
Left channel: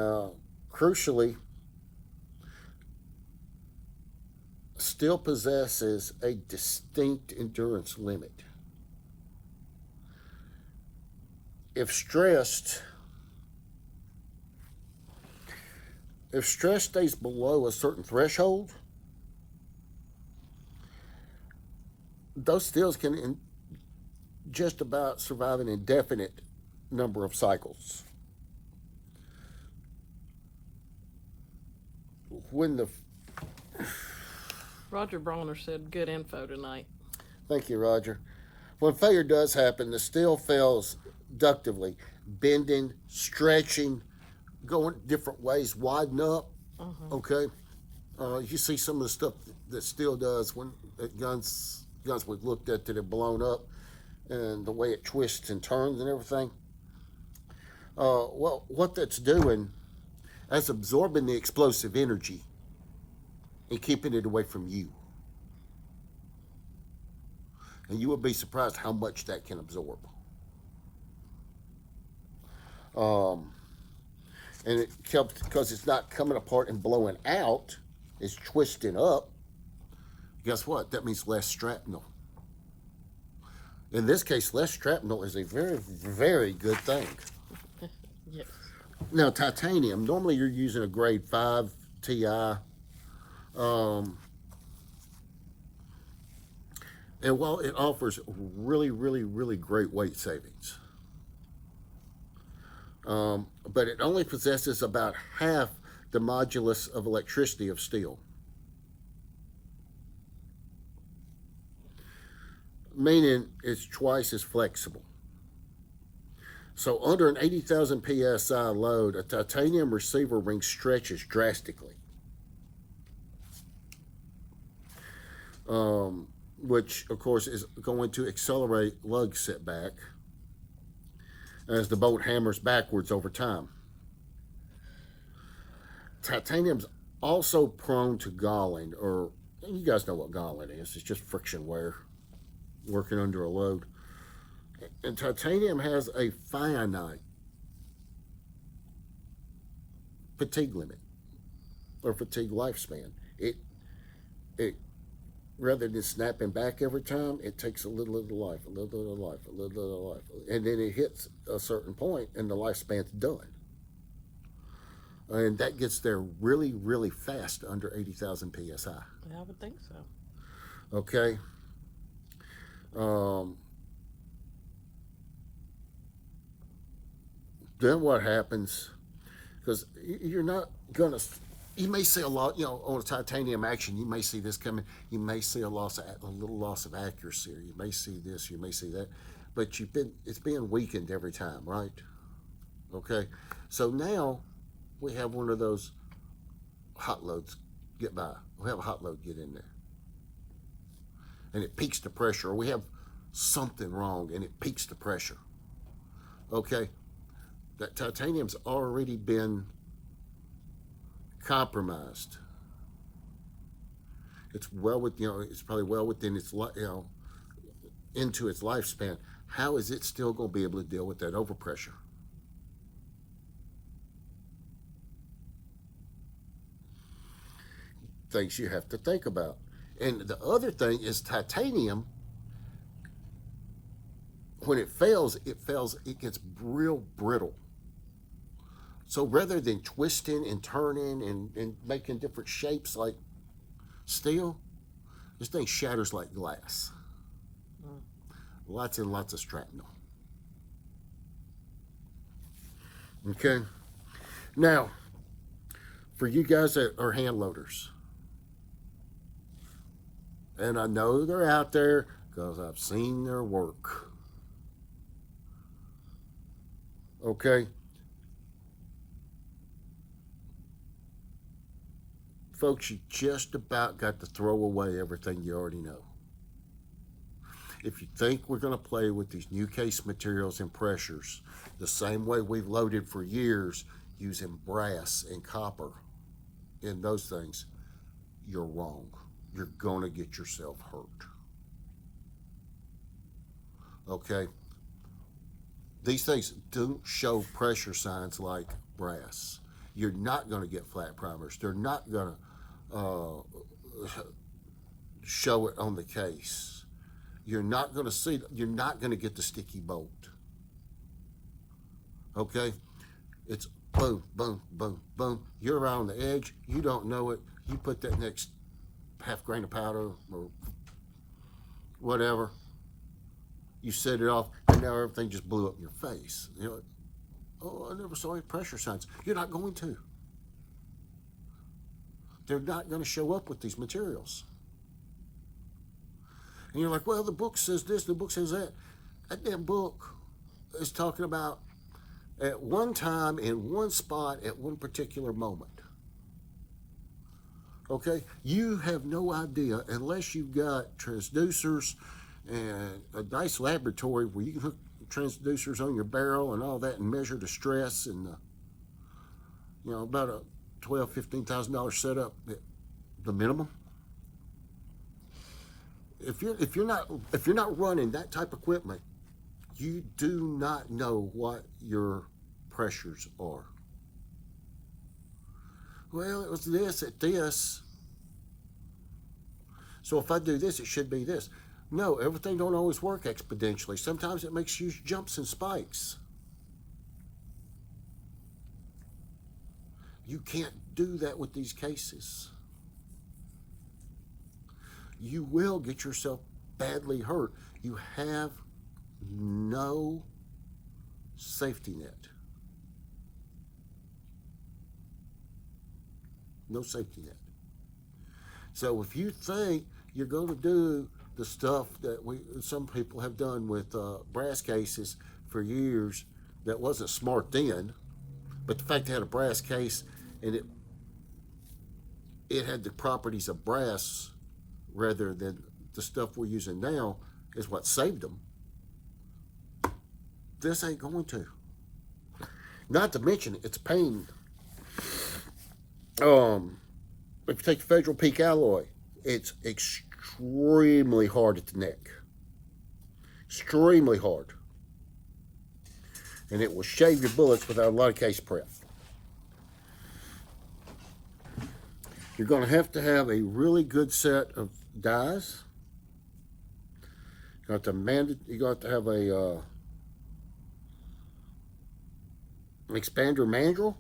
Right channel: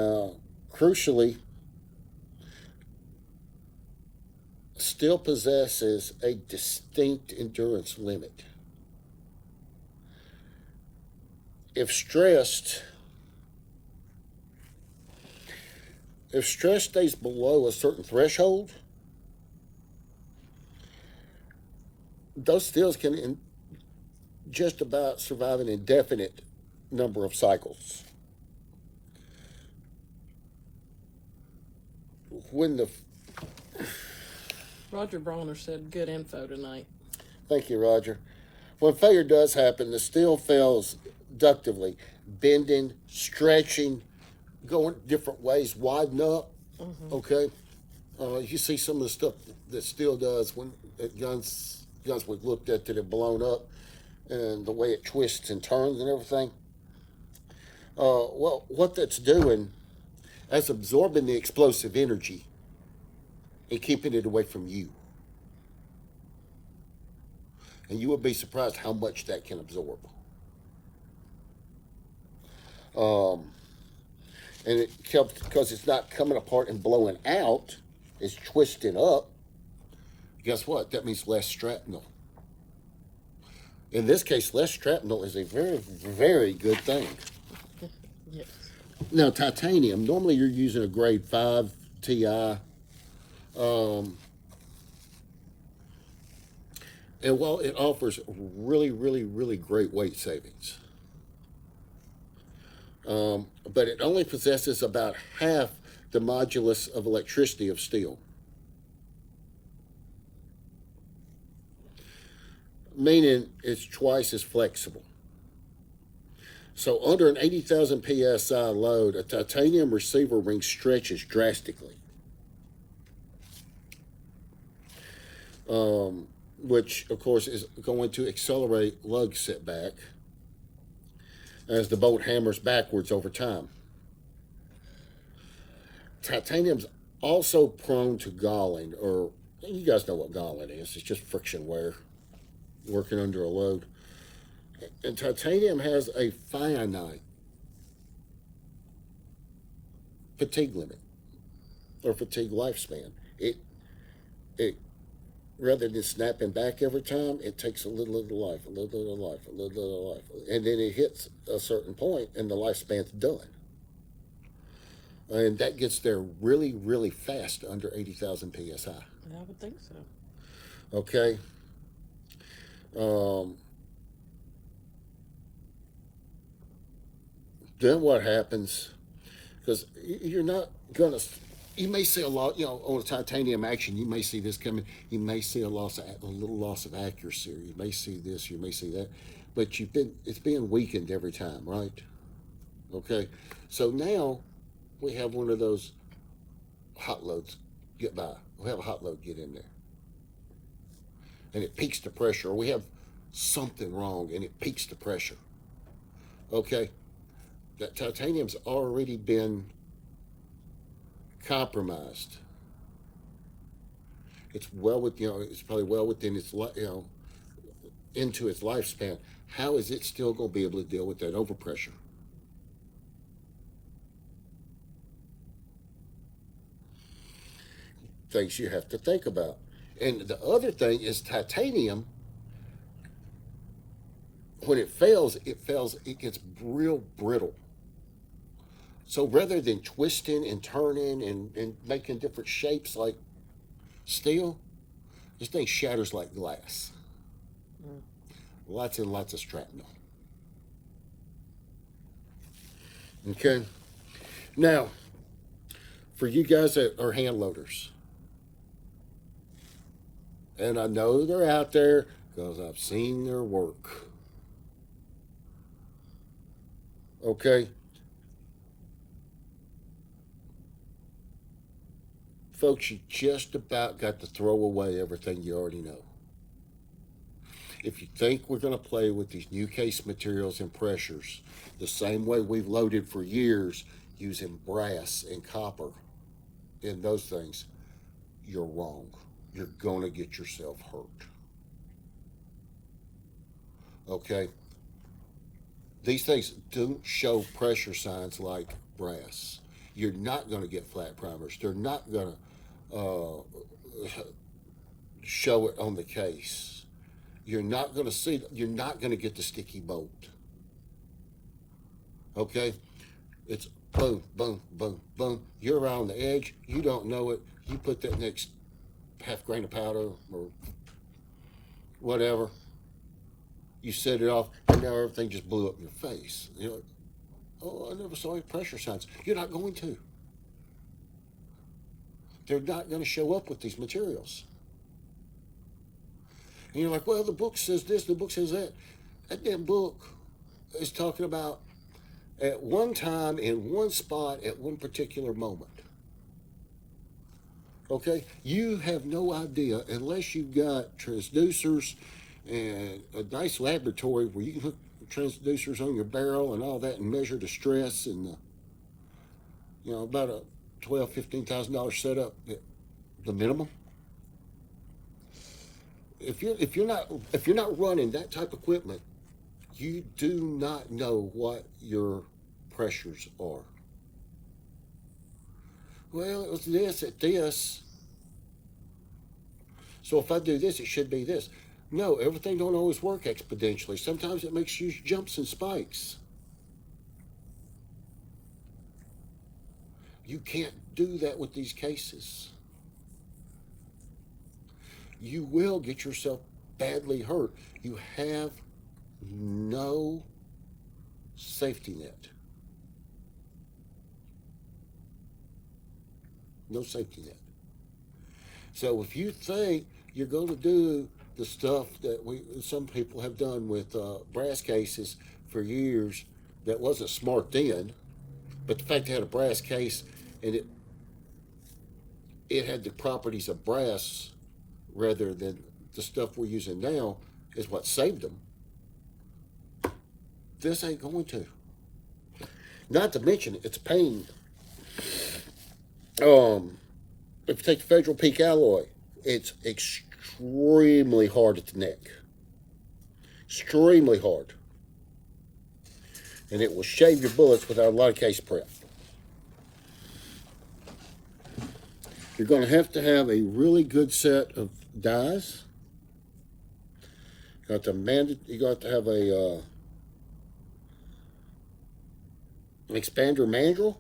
crucially, still possesses a distinct endurance limit. If stress stays below a certain threshold, those steels can just about survive an indefinite number of cycles. Roger Bronner said good info tonight. Thank you, Roger. When failure does happen, the steel fails ductively, bending, stretching, going different ways, widen up. Okay, you see some of the stuff that steel does when guns we've looked at that have blown up, and the way it twists and turns and everything. Well, what that's doing is absorbing the explosive energy and keeping it away from you. And you will be surprised how much that can absorb. and it kept, because it's not coming apart and blowing out, it's twisting up. Guess what? That means less shrapnel. In this case, less shrapnel is a very, very good thing. Yes. Now, titanium, normally you're using a grade 5 Ti. And while it offers really, really, really great weight savings, but it only possesses about half the modulus of electricity of steel. Meaning it's twice as flexible. So under an 80,000 psi load, a titanium receiver ring stretches drastically, which of course is going to accelerate lug setback as the bolt hammers backwards over time. Titanium's also prone to galling, or you guys know what galling is. It's just friction wear working under a load. And titanium has a finite fatigue limit or fatigue lifespan. It rather than snapping back every time, it takes a little of the life, a little of the life, a little of the life, and then it hits a certain point and the lifespan's done. And that gets there really, really fast under 80,000 psi. I would think so. Okay. Then what happens, because you're not going to, you may see a lot, on a titanium action, you may see this coming, you may see a little loss of accuracy, or you may see this, you may see that, but it's being weakened every time, right? Okay, so now we have one of those hot loads get by. We have a hot load get in there, and it peaks the pressure. We have something wrong, and it peaks the pressure. Okay, that titanium's already been compromised. It's it's probably well within its into its lifespan. How is it still going to be able to deal with that overpressure? Things you have to think about. And the other thing is titanium, when it fails, it gets real brittle. So rather than twisting and turning and making different shapes like steel, this thing shatters like glass. Lots and lots of shrapnel. Okay? Now, for you guys that are hand loaders, and I know they're out there because I've seen their work. Okay? Folks, you just about got to throw away everything you already know. If you think we're going to play with these new case materials and pressures the same way we've loaded for years using brass and copper in those things, you're wrong. You're going to get yourself hurt. Okay? These things don't show pressure signs like brass. You're not going to get flat primers. They're not going to show it on the case. You're not going to get the sticky bolt. Okay? It's boom, boom, boom, boom. You're around the edge. You don't know it. You put that next half grain of powder or whatever. You set it off, and now everything just blew up in your face. You're like, oh, I never saw any pressure signs. You're not going to. They're not going to show up with these materials. And you're like, well, the book says this, the book says that. That damn book is talking about at one time, in one spot, at one particular moment. Okay? You have no idea, unless you've got transducers and a nice laboratory where you can hook transducers on your barrel and all that and measure the stress and about a $12,000-$15,000 setup, the minimum. If you're not running that type of equipment, you do not know what your pressures are. Well, it was this at this. So if I do this, it should be this. No, everything don't always work exponentially. Sometimes it makes huge jumps and spikes. You can't do that with these cases. You will get yourself badly hurt. You have no safety net. No safety net. So if you think you're going to do the stuff that some people have done with brass cases for years, that wasn't smart then, but the fact they had a brass case and it had the properties of brass rather than the stuff we're using now is what saved them. This ain't going to. Not to mention it's a pain. If you take the Federal Peak alloy, it's extremely hard at the neck. Extremely hard. And it will shave your bullets without a lot of case prep. You're going to have a really good set of dies. You're going to have an expander mandrel,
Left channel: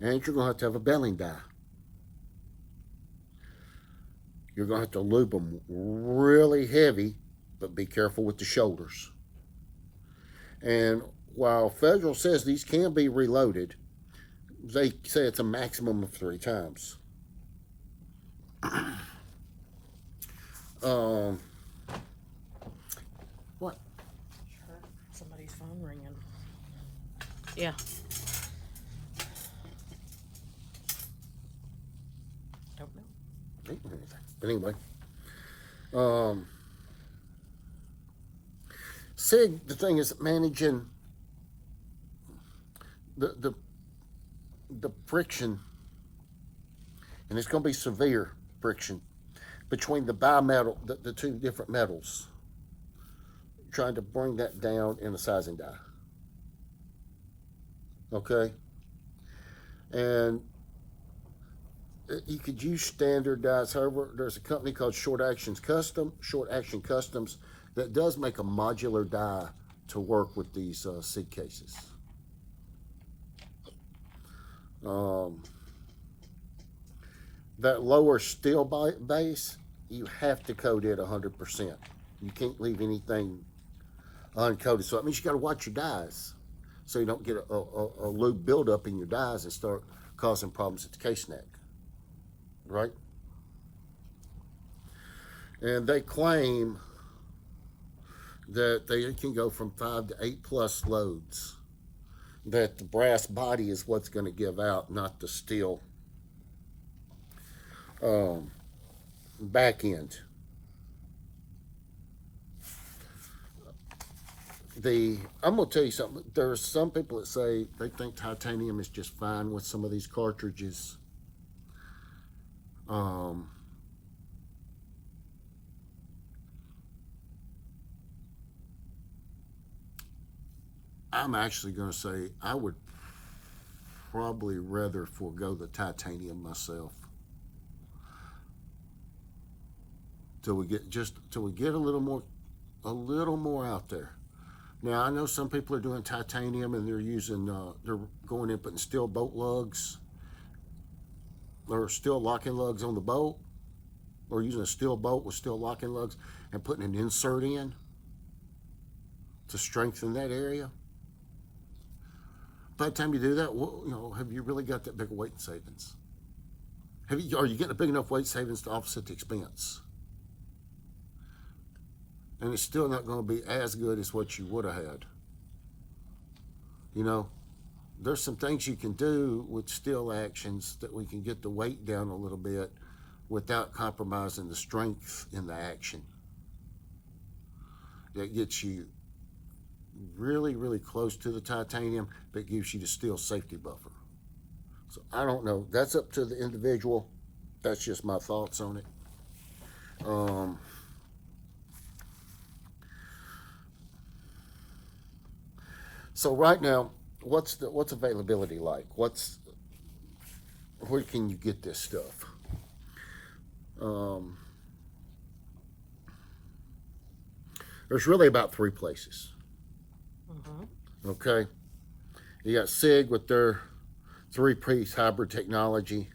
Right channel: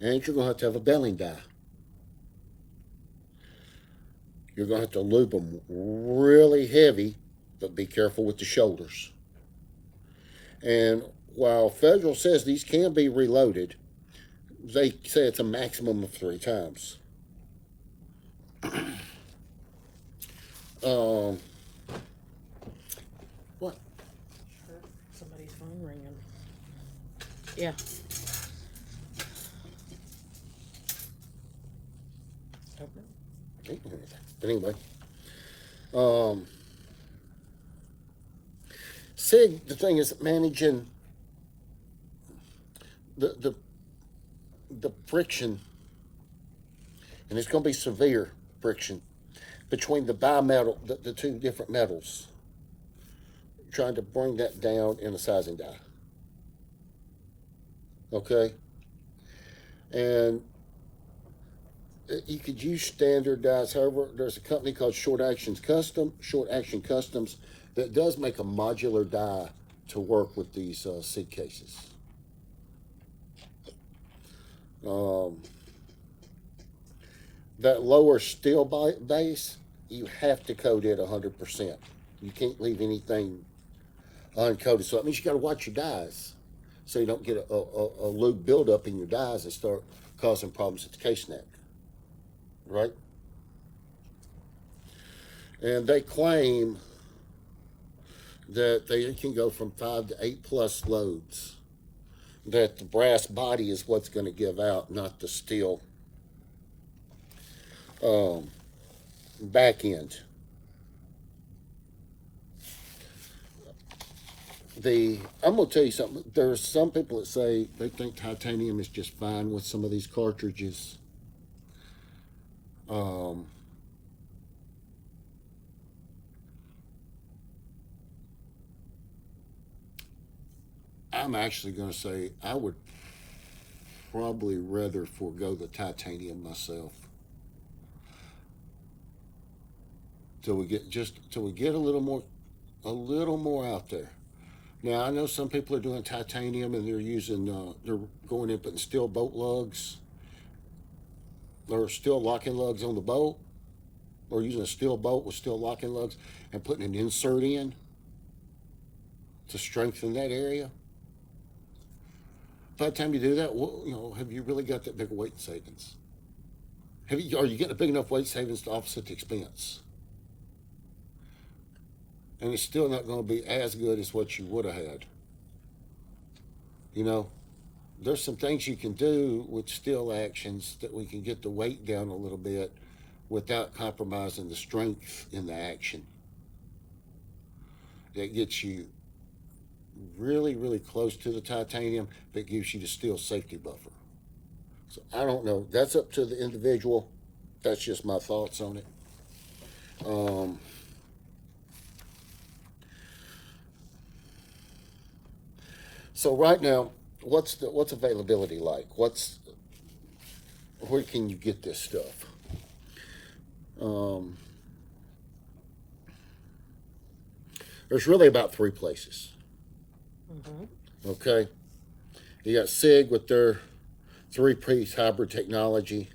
and you're going to have a belling die. You're going to have to lube them really heavy, but be careful with the shoulders. And while Federal says these can be reloaded, they say it's a maximum of 3 times. What? Sure. Somebody's phone ringing. Yeah. Don't know. Anyway, see, the thing is managing the friction, and it's going to be severe friction between the bimetal, the 2 different metals, trying to bring that down in a sizing die. Okay? And you could use standard dies. However, there's a company called Short Action Customs that does make a modular die to work with these seat cases. That lower steel base, you have to coat it 100%. You can't leave anything uncoated. So that means you got to watch your dies so you don't get a lube buildup in your dies and start causing problems at the case neck. Right? And they claim that they can go from 5 to 8 plus loads. That the brass body is what's going to give out, not the steel back end. I'm going to tell you something. There are some people that say they think titanium is just fine with some of these cartridges. I'm actually going to say I would probably rather forego the titanium myself till we get a little more out there. Now I know some people are doing titanium and they're going in putting steel bolt lugs or steel locking lugs on the bolt, or using a steel bolt with steel locking lugs and putting an insert in to strengthen that area. By the time you do that, well, have you really got that big of weight savings? Are you getting a big enough weight savings to offset the expense? And it's still not going to be as good as what you would have had. There's some things you can do with steel actions that we can get the weight down a little bit without compromising the strength in the action. It gets you really, really close to the titanium, but gives you the steel safety buffer. So I don't know. That's up to the individual. That's just my thoughts on it. So right now, what's availability like? where can you get this stuff? There's really about 3 places. Okay, you got SIG with their 3-piece hybrid technology.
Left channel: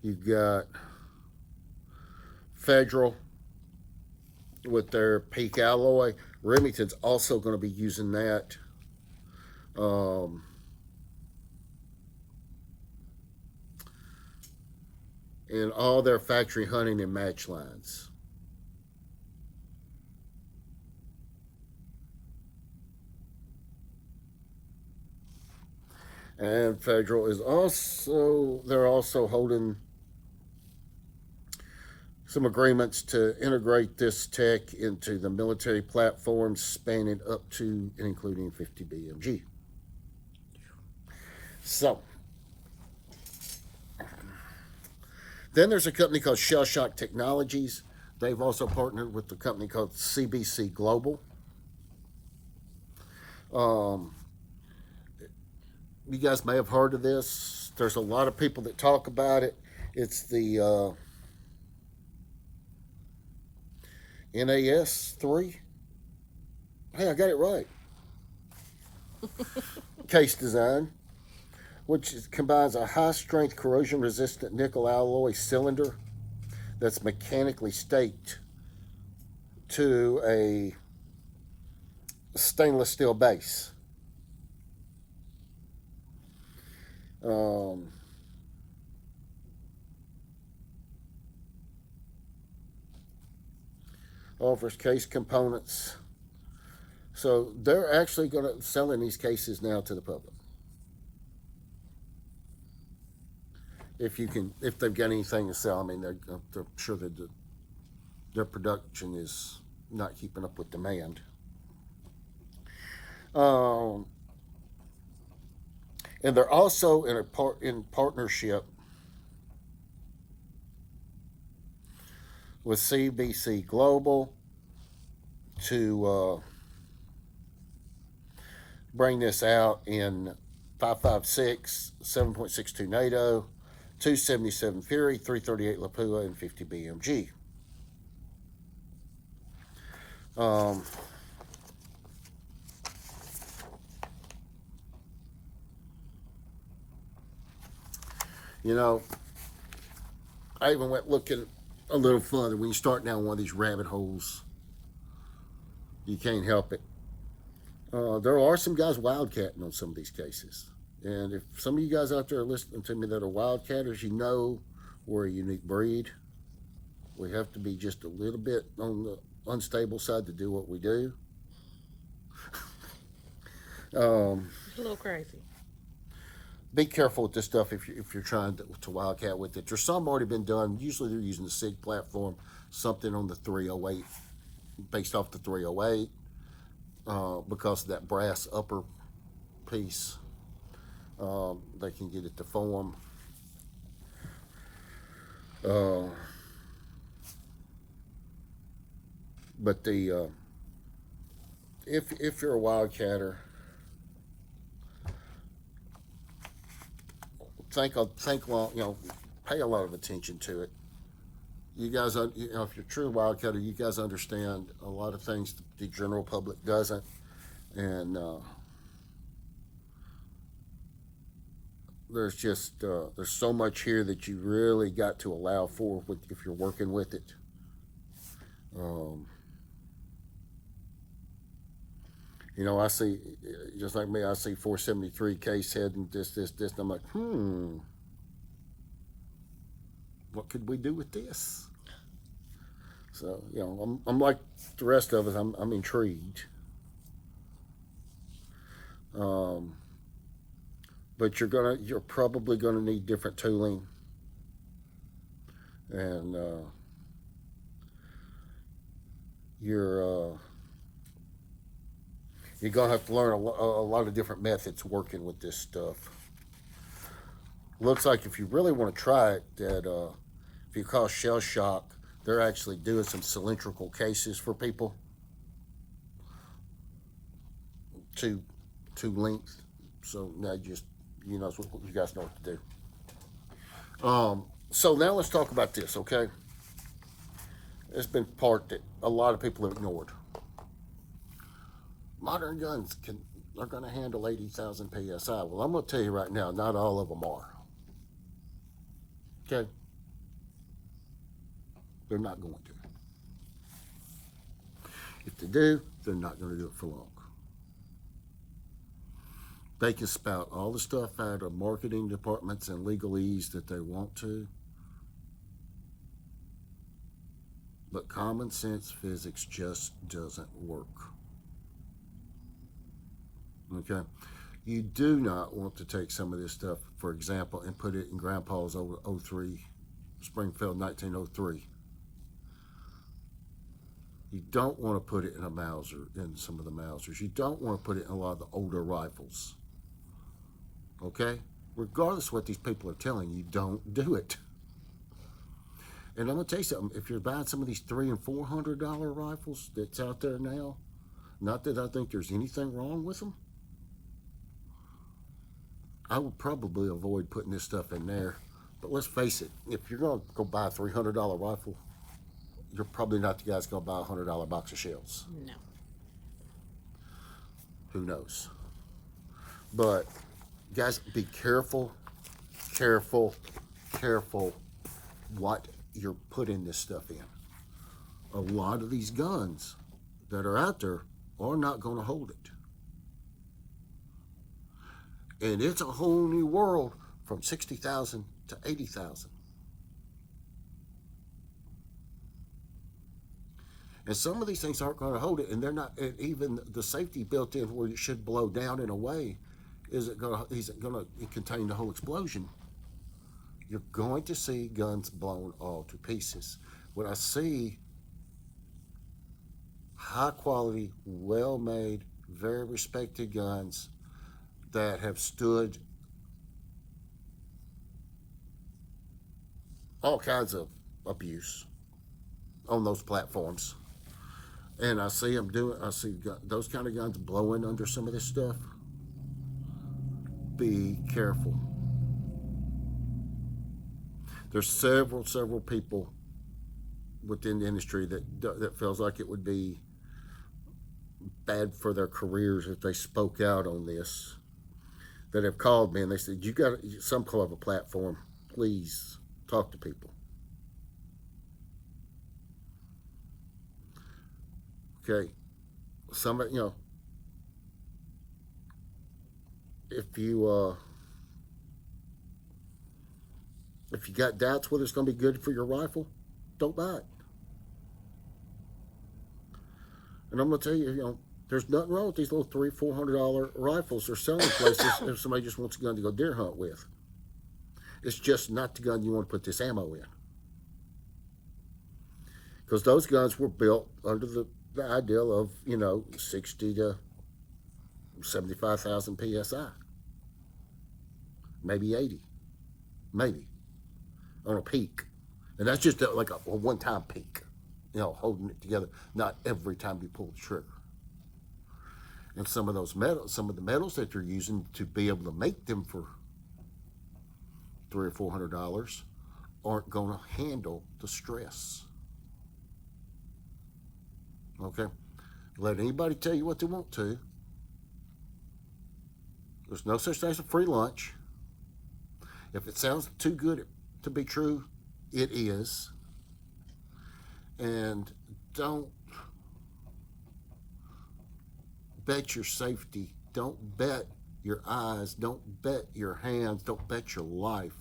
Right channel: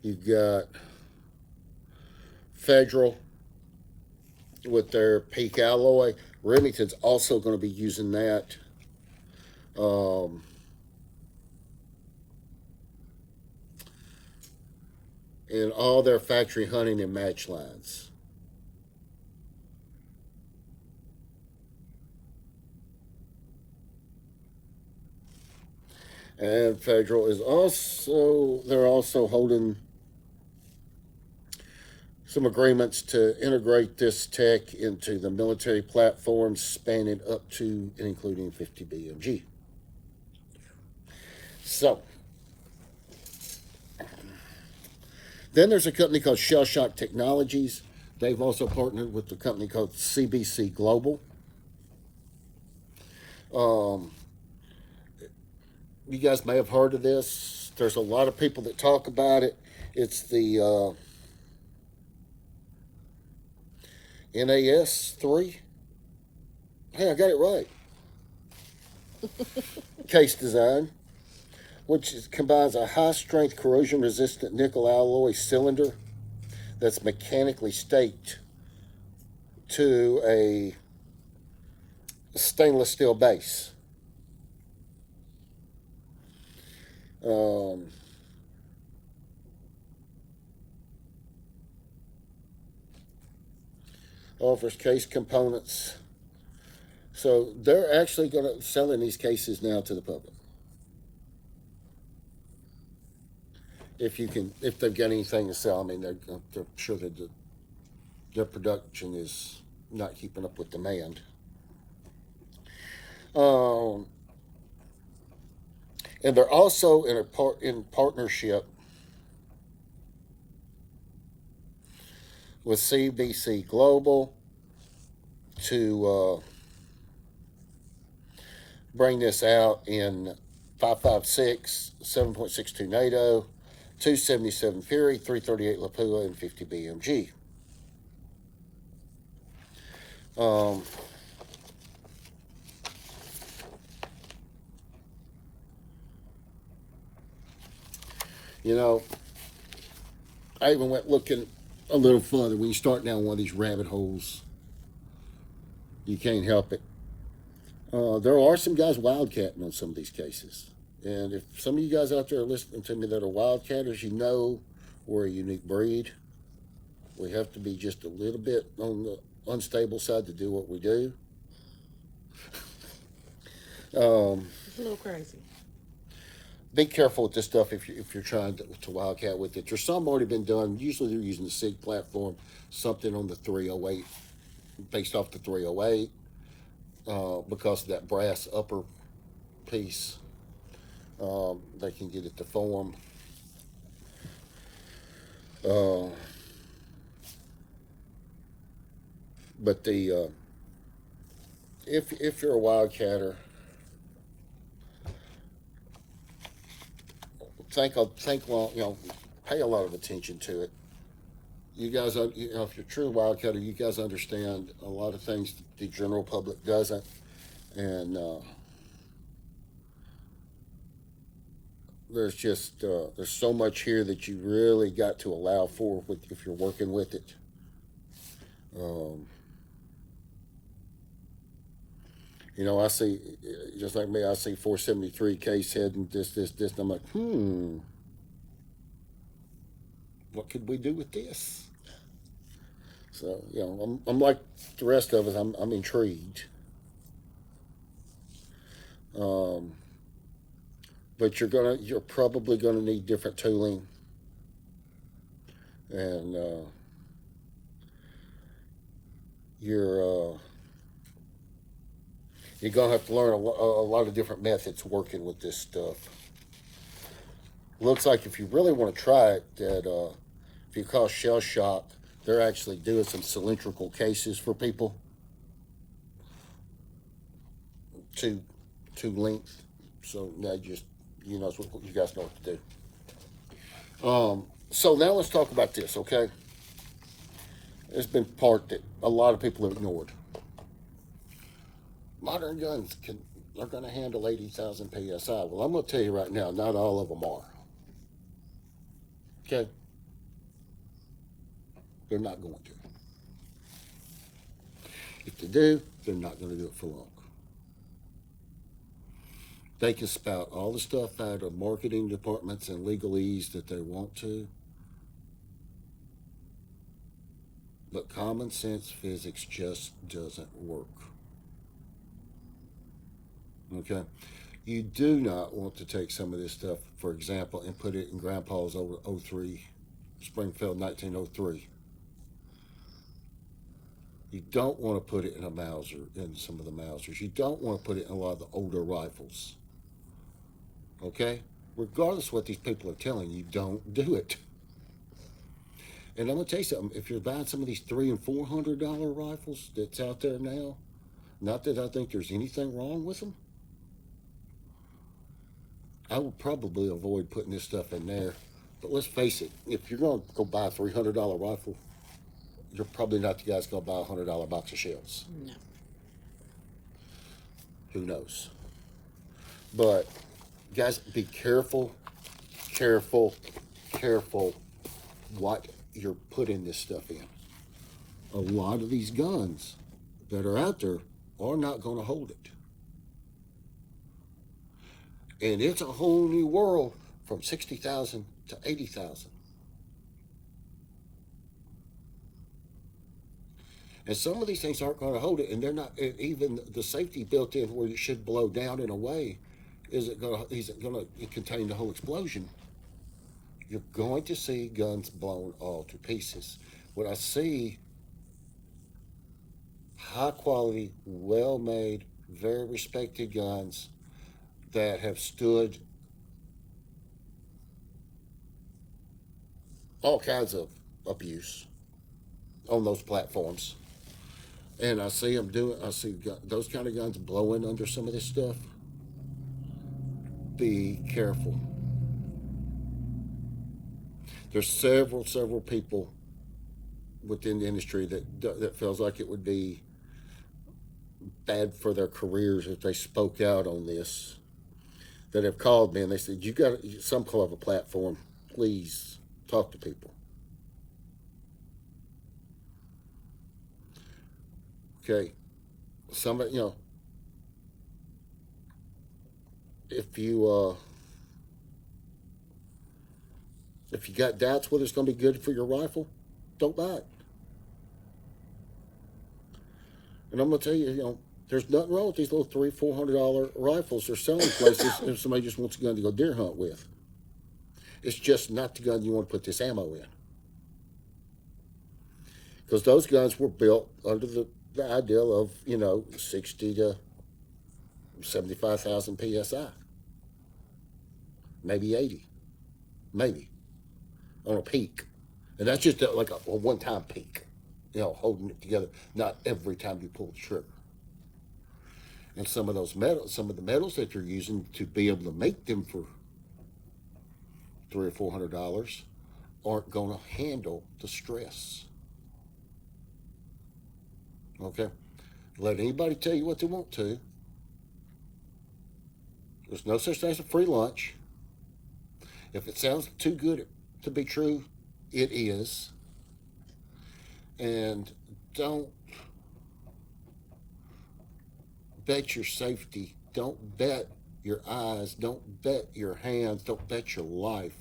You've got Federal with their Peak alloy. Remington's also going to be using that. In all their factory hunting and match lines. And Federal is also, they're also holding some agreements to integrate this tech into the military platforms spanning up to and including 50 BMG. So, then there's a company called Shell Shock Technologies. They've also partnered with a company called CBC Global. You guys may have heard of this. There's a lot of people that talk about it. It's the NAS3. Hey, I got it right. Case design, which combines a high-strength corrosion-resistant nickel alloy cylinder that's mechanically staked to a stainless steel base. Offers case components. So they're actually going to selling these cases now to the public. If they've got anything to sell, I mean, they're sure that their production is not keeping up with demand. And they're also in partnership with CBC Global to bring this out in 5.56, 7.62 NATO, 277 Fury, 338 Lapua, and 50 BMG. You know, I even went looking a little further. When you start down one of these rabbit holes, you can't help it. There are some guys wildcatting on some of these cases. And if some of you guys out there are listening to me that are wildcatters, you know we're a unique breed. We have to be just a little bit on the unstable side to do what we do. A little crazy. Be careful with this stuff if you're trying to wildcat with it. There's some already been done. Usually they're using the SIG platform, something on the 308, based off the 308, because of that brass upper piece. They can get it to form. But the if you're a wildcatter, think long, pay a lot of attention to it. You guys, if you're a true wildcatter, you guys understand a lot of things the general public doesn't, and there's just there's so much here that you really got to allow for if you're working with it. I see, just like me, I see 473 case head and this, and I'm like, what could we do with this? So, I'm like the rest of us, I'm intrigued. But you're probably gonna need different tooling, and you're gonna have to learn a lot of different methods working with this stuff. Looks like if you really want to try it, that if you call Shell Shock, they're actually doing some cylindrical cases for people. two length. So now you know what you guys know what to do. So now let's talk about this, okay? It's been part that a lot of people have ignored. Modern guns are going to handle 80,000 psi. Well, I'm going to tell you right now, not all of them are. Okay? They're not going to. If they do, they're not going to do it for long. They can spout all the stuff out of marketing departments and legalese that they want to. But common sense physics just doesn't work. Okay? You do not want to take some of this stuff, for example, and put it in Grandpa's 03, Springfield 1903. You don't want to put it in a Mauser, in some of the Mausers. You don't want to put it in a lot of the older rifles. Okay? Regardless of what these people are telling you, don't do it. And I'm going to tell you something. If you're buying some of these $300 and $400 rifles that's out there now, not that I think there's anything wrong with them, I would probably avoid putting this stuff in there. But let's face it, if you're going to go buy a $300 rifle, you're probably not the guys going to buy a $100 box of shells. No. Who knows? But guys, be careful what you're putting this stuff in. A lot of these guns that are out there are not going to hold it. And it's a whole new world from 60,000 to 80,000. And some of these things aren't going to hold it, and they're not. Even the safety built in where it should blow down in a way isn't going to contain the whole explosion. You're going to see guns blown all to pieces. When I see high quality, well made, very respected guns that have stood all kinds of abuse on those platforms, and I see those kind of guns blowing under some of this stuff, be careful. There's several people within the industry that feels like it would be bad for their careers if they spoke out on this, that have called me and they said, you got some kind of a platform, please talk to people. Okay, somebody, if you got doubts whether it's going to be good for your rifle, don't buy it. And I'm going to tell you, there's nothing wrong with these little $300-$400 rifles they're selling places if somebody just wants a gun to go deer hunt with. It's just not the gun you want to put this ammo in. Because those guns were built under the ideal of, 60 to 75,000 PSI. Maybe 80. Maybe. On a peak. And that's just like a one-time peak. Holding it together. Not every time you pull the trigger. And some of the metals that you're using to be able to make them for $300 or $400 aren't going to handle the stress. Okay? Let anybody tell you what they want to. There's no such thing as a free lunch. If it sounds too good to be true, it is. And don't bet your safety. Don't bet your eyes. Don't bet your hands. Don't bet your life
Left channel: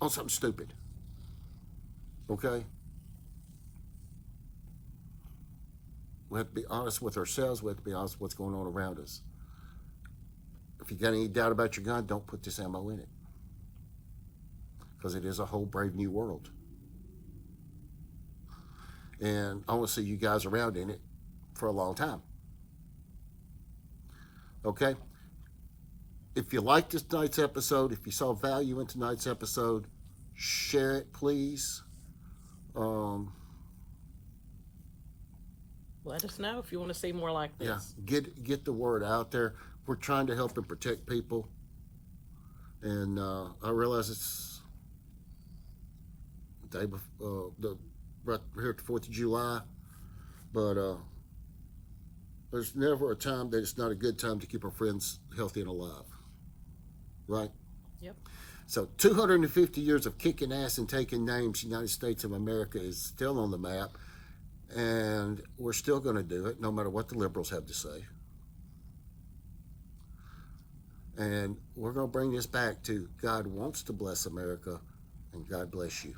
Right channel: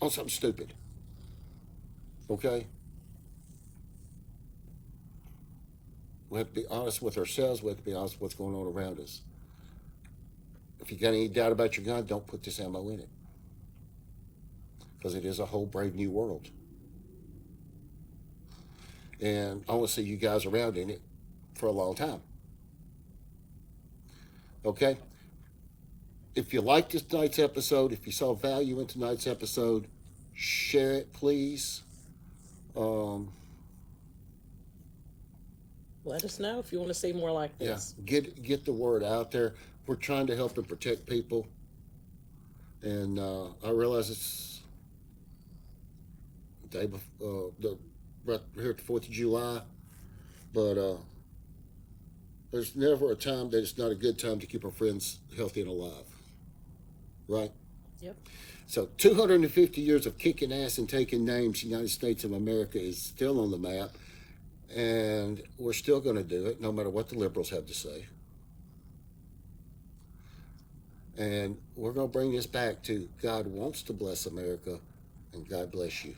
on something stupid. Okay? We have to be honest with ourselves. We have to be honest with what's going on around us. If you got any doubt about your gun, don't put this ammo in it. Because it is a whole brave new world. And I want to see you guys around in it for a long time. Okay? If you liked this tonight's episode, if you saw value in tonight's episode, share it, please. Let us know if you want to see more like Yeah, this. get the word out there. We're trying to help and protect people, and I realize it's the day before, right here at the 4th of July, but there's never a time that it's not a good time to keep our friends healthy and alive, right? Yep. So 250 years of kicking ass and taking names, the United States of America is still on the map, and we're still going to do it no matter what the liberals have to say. And we're going to bring this back to God wants to bless America, and God bless you.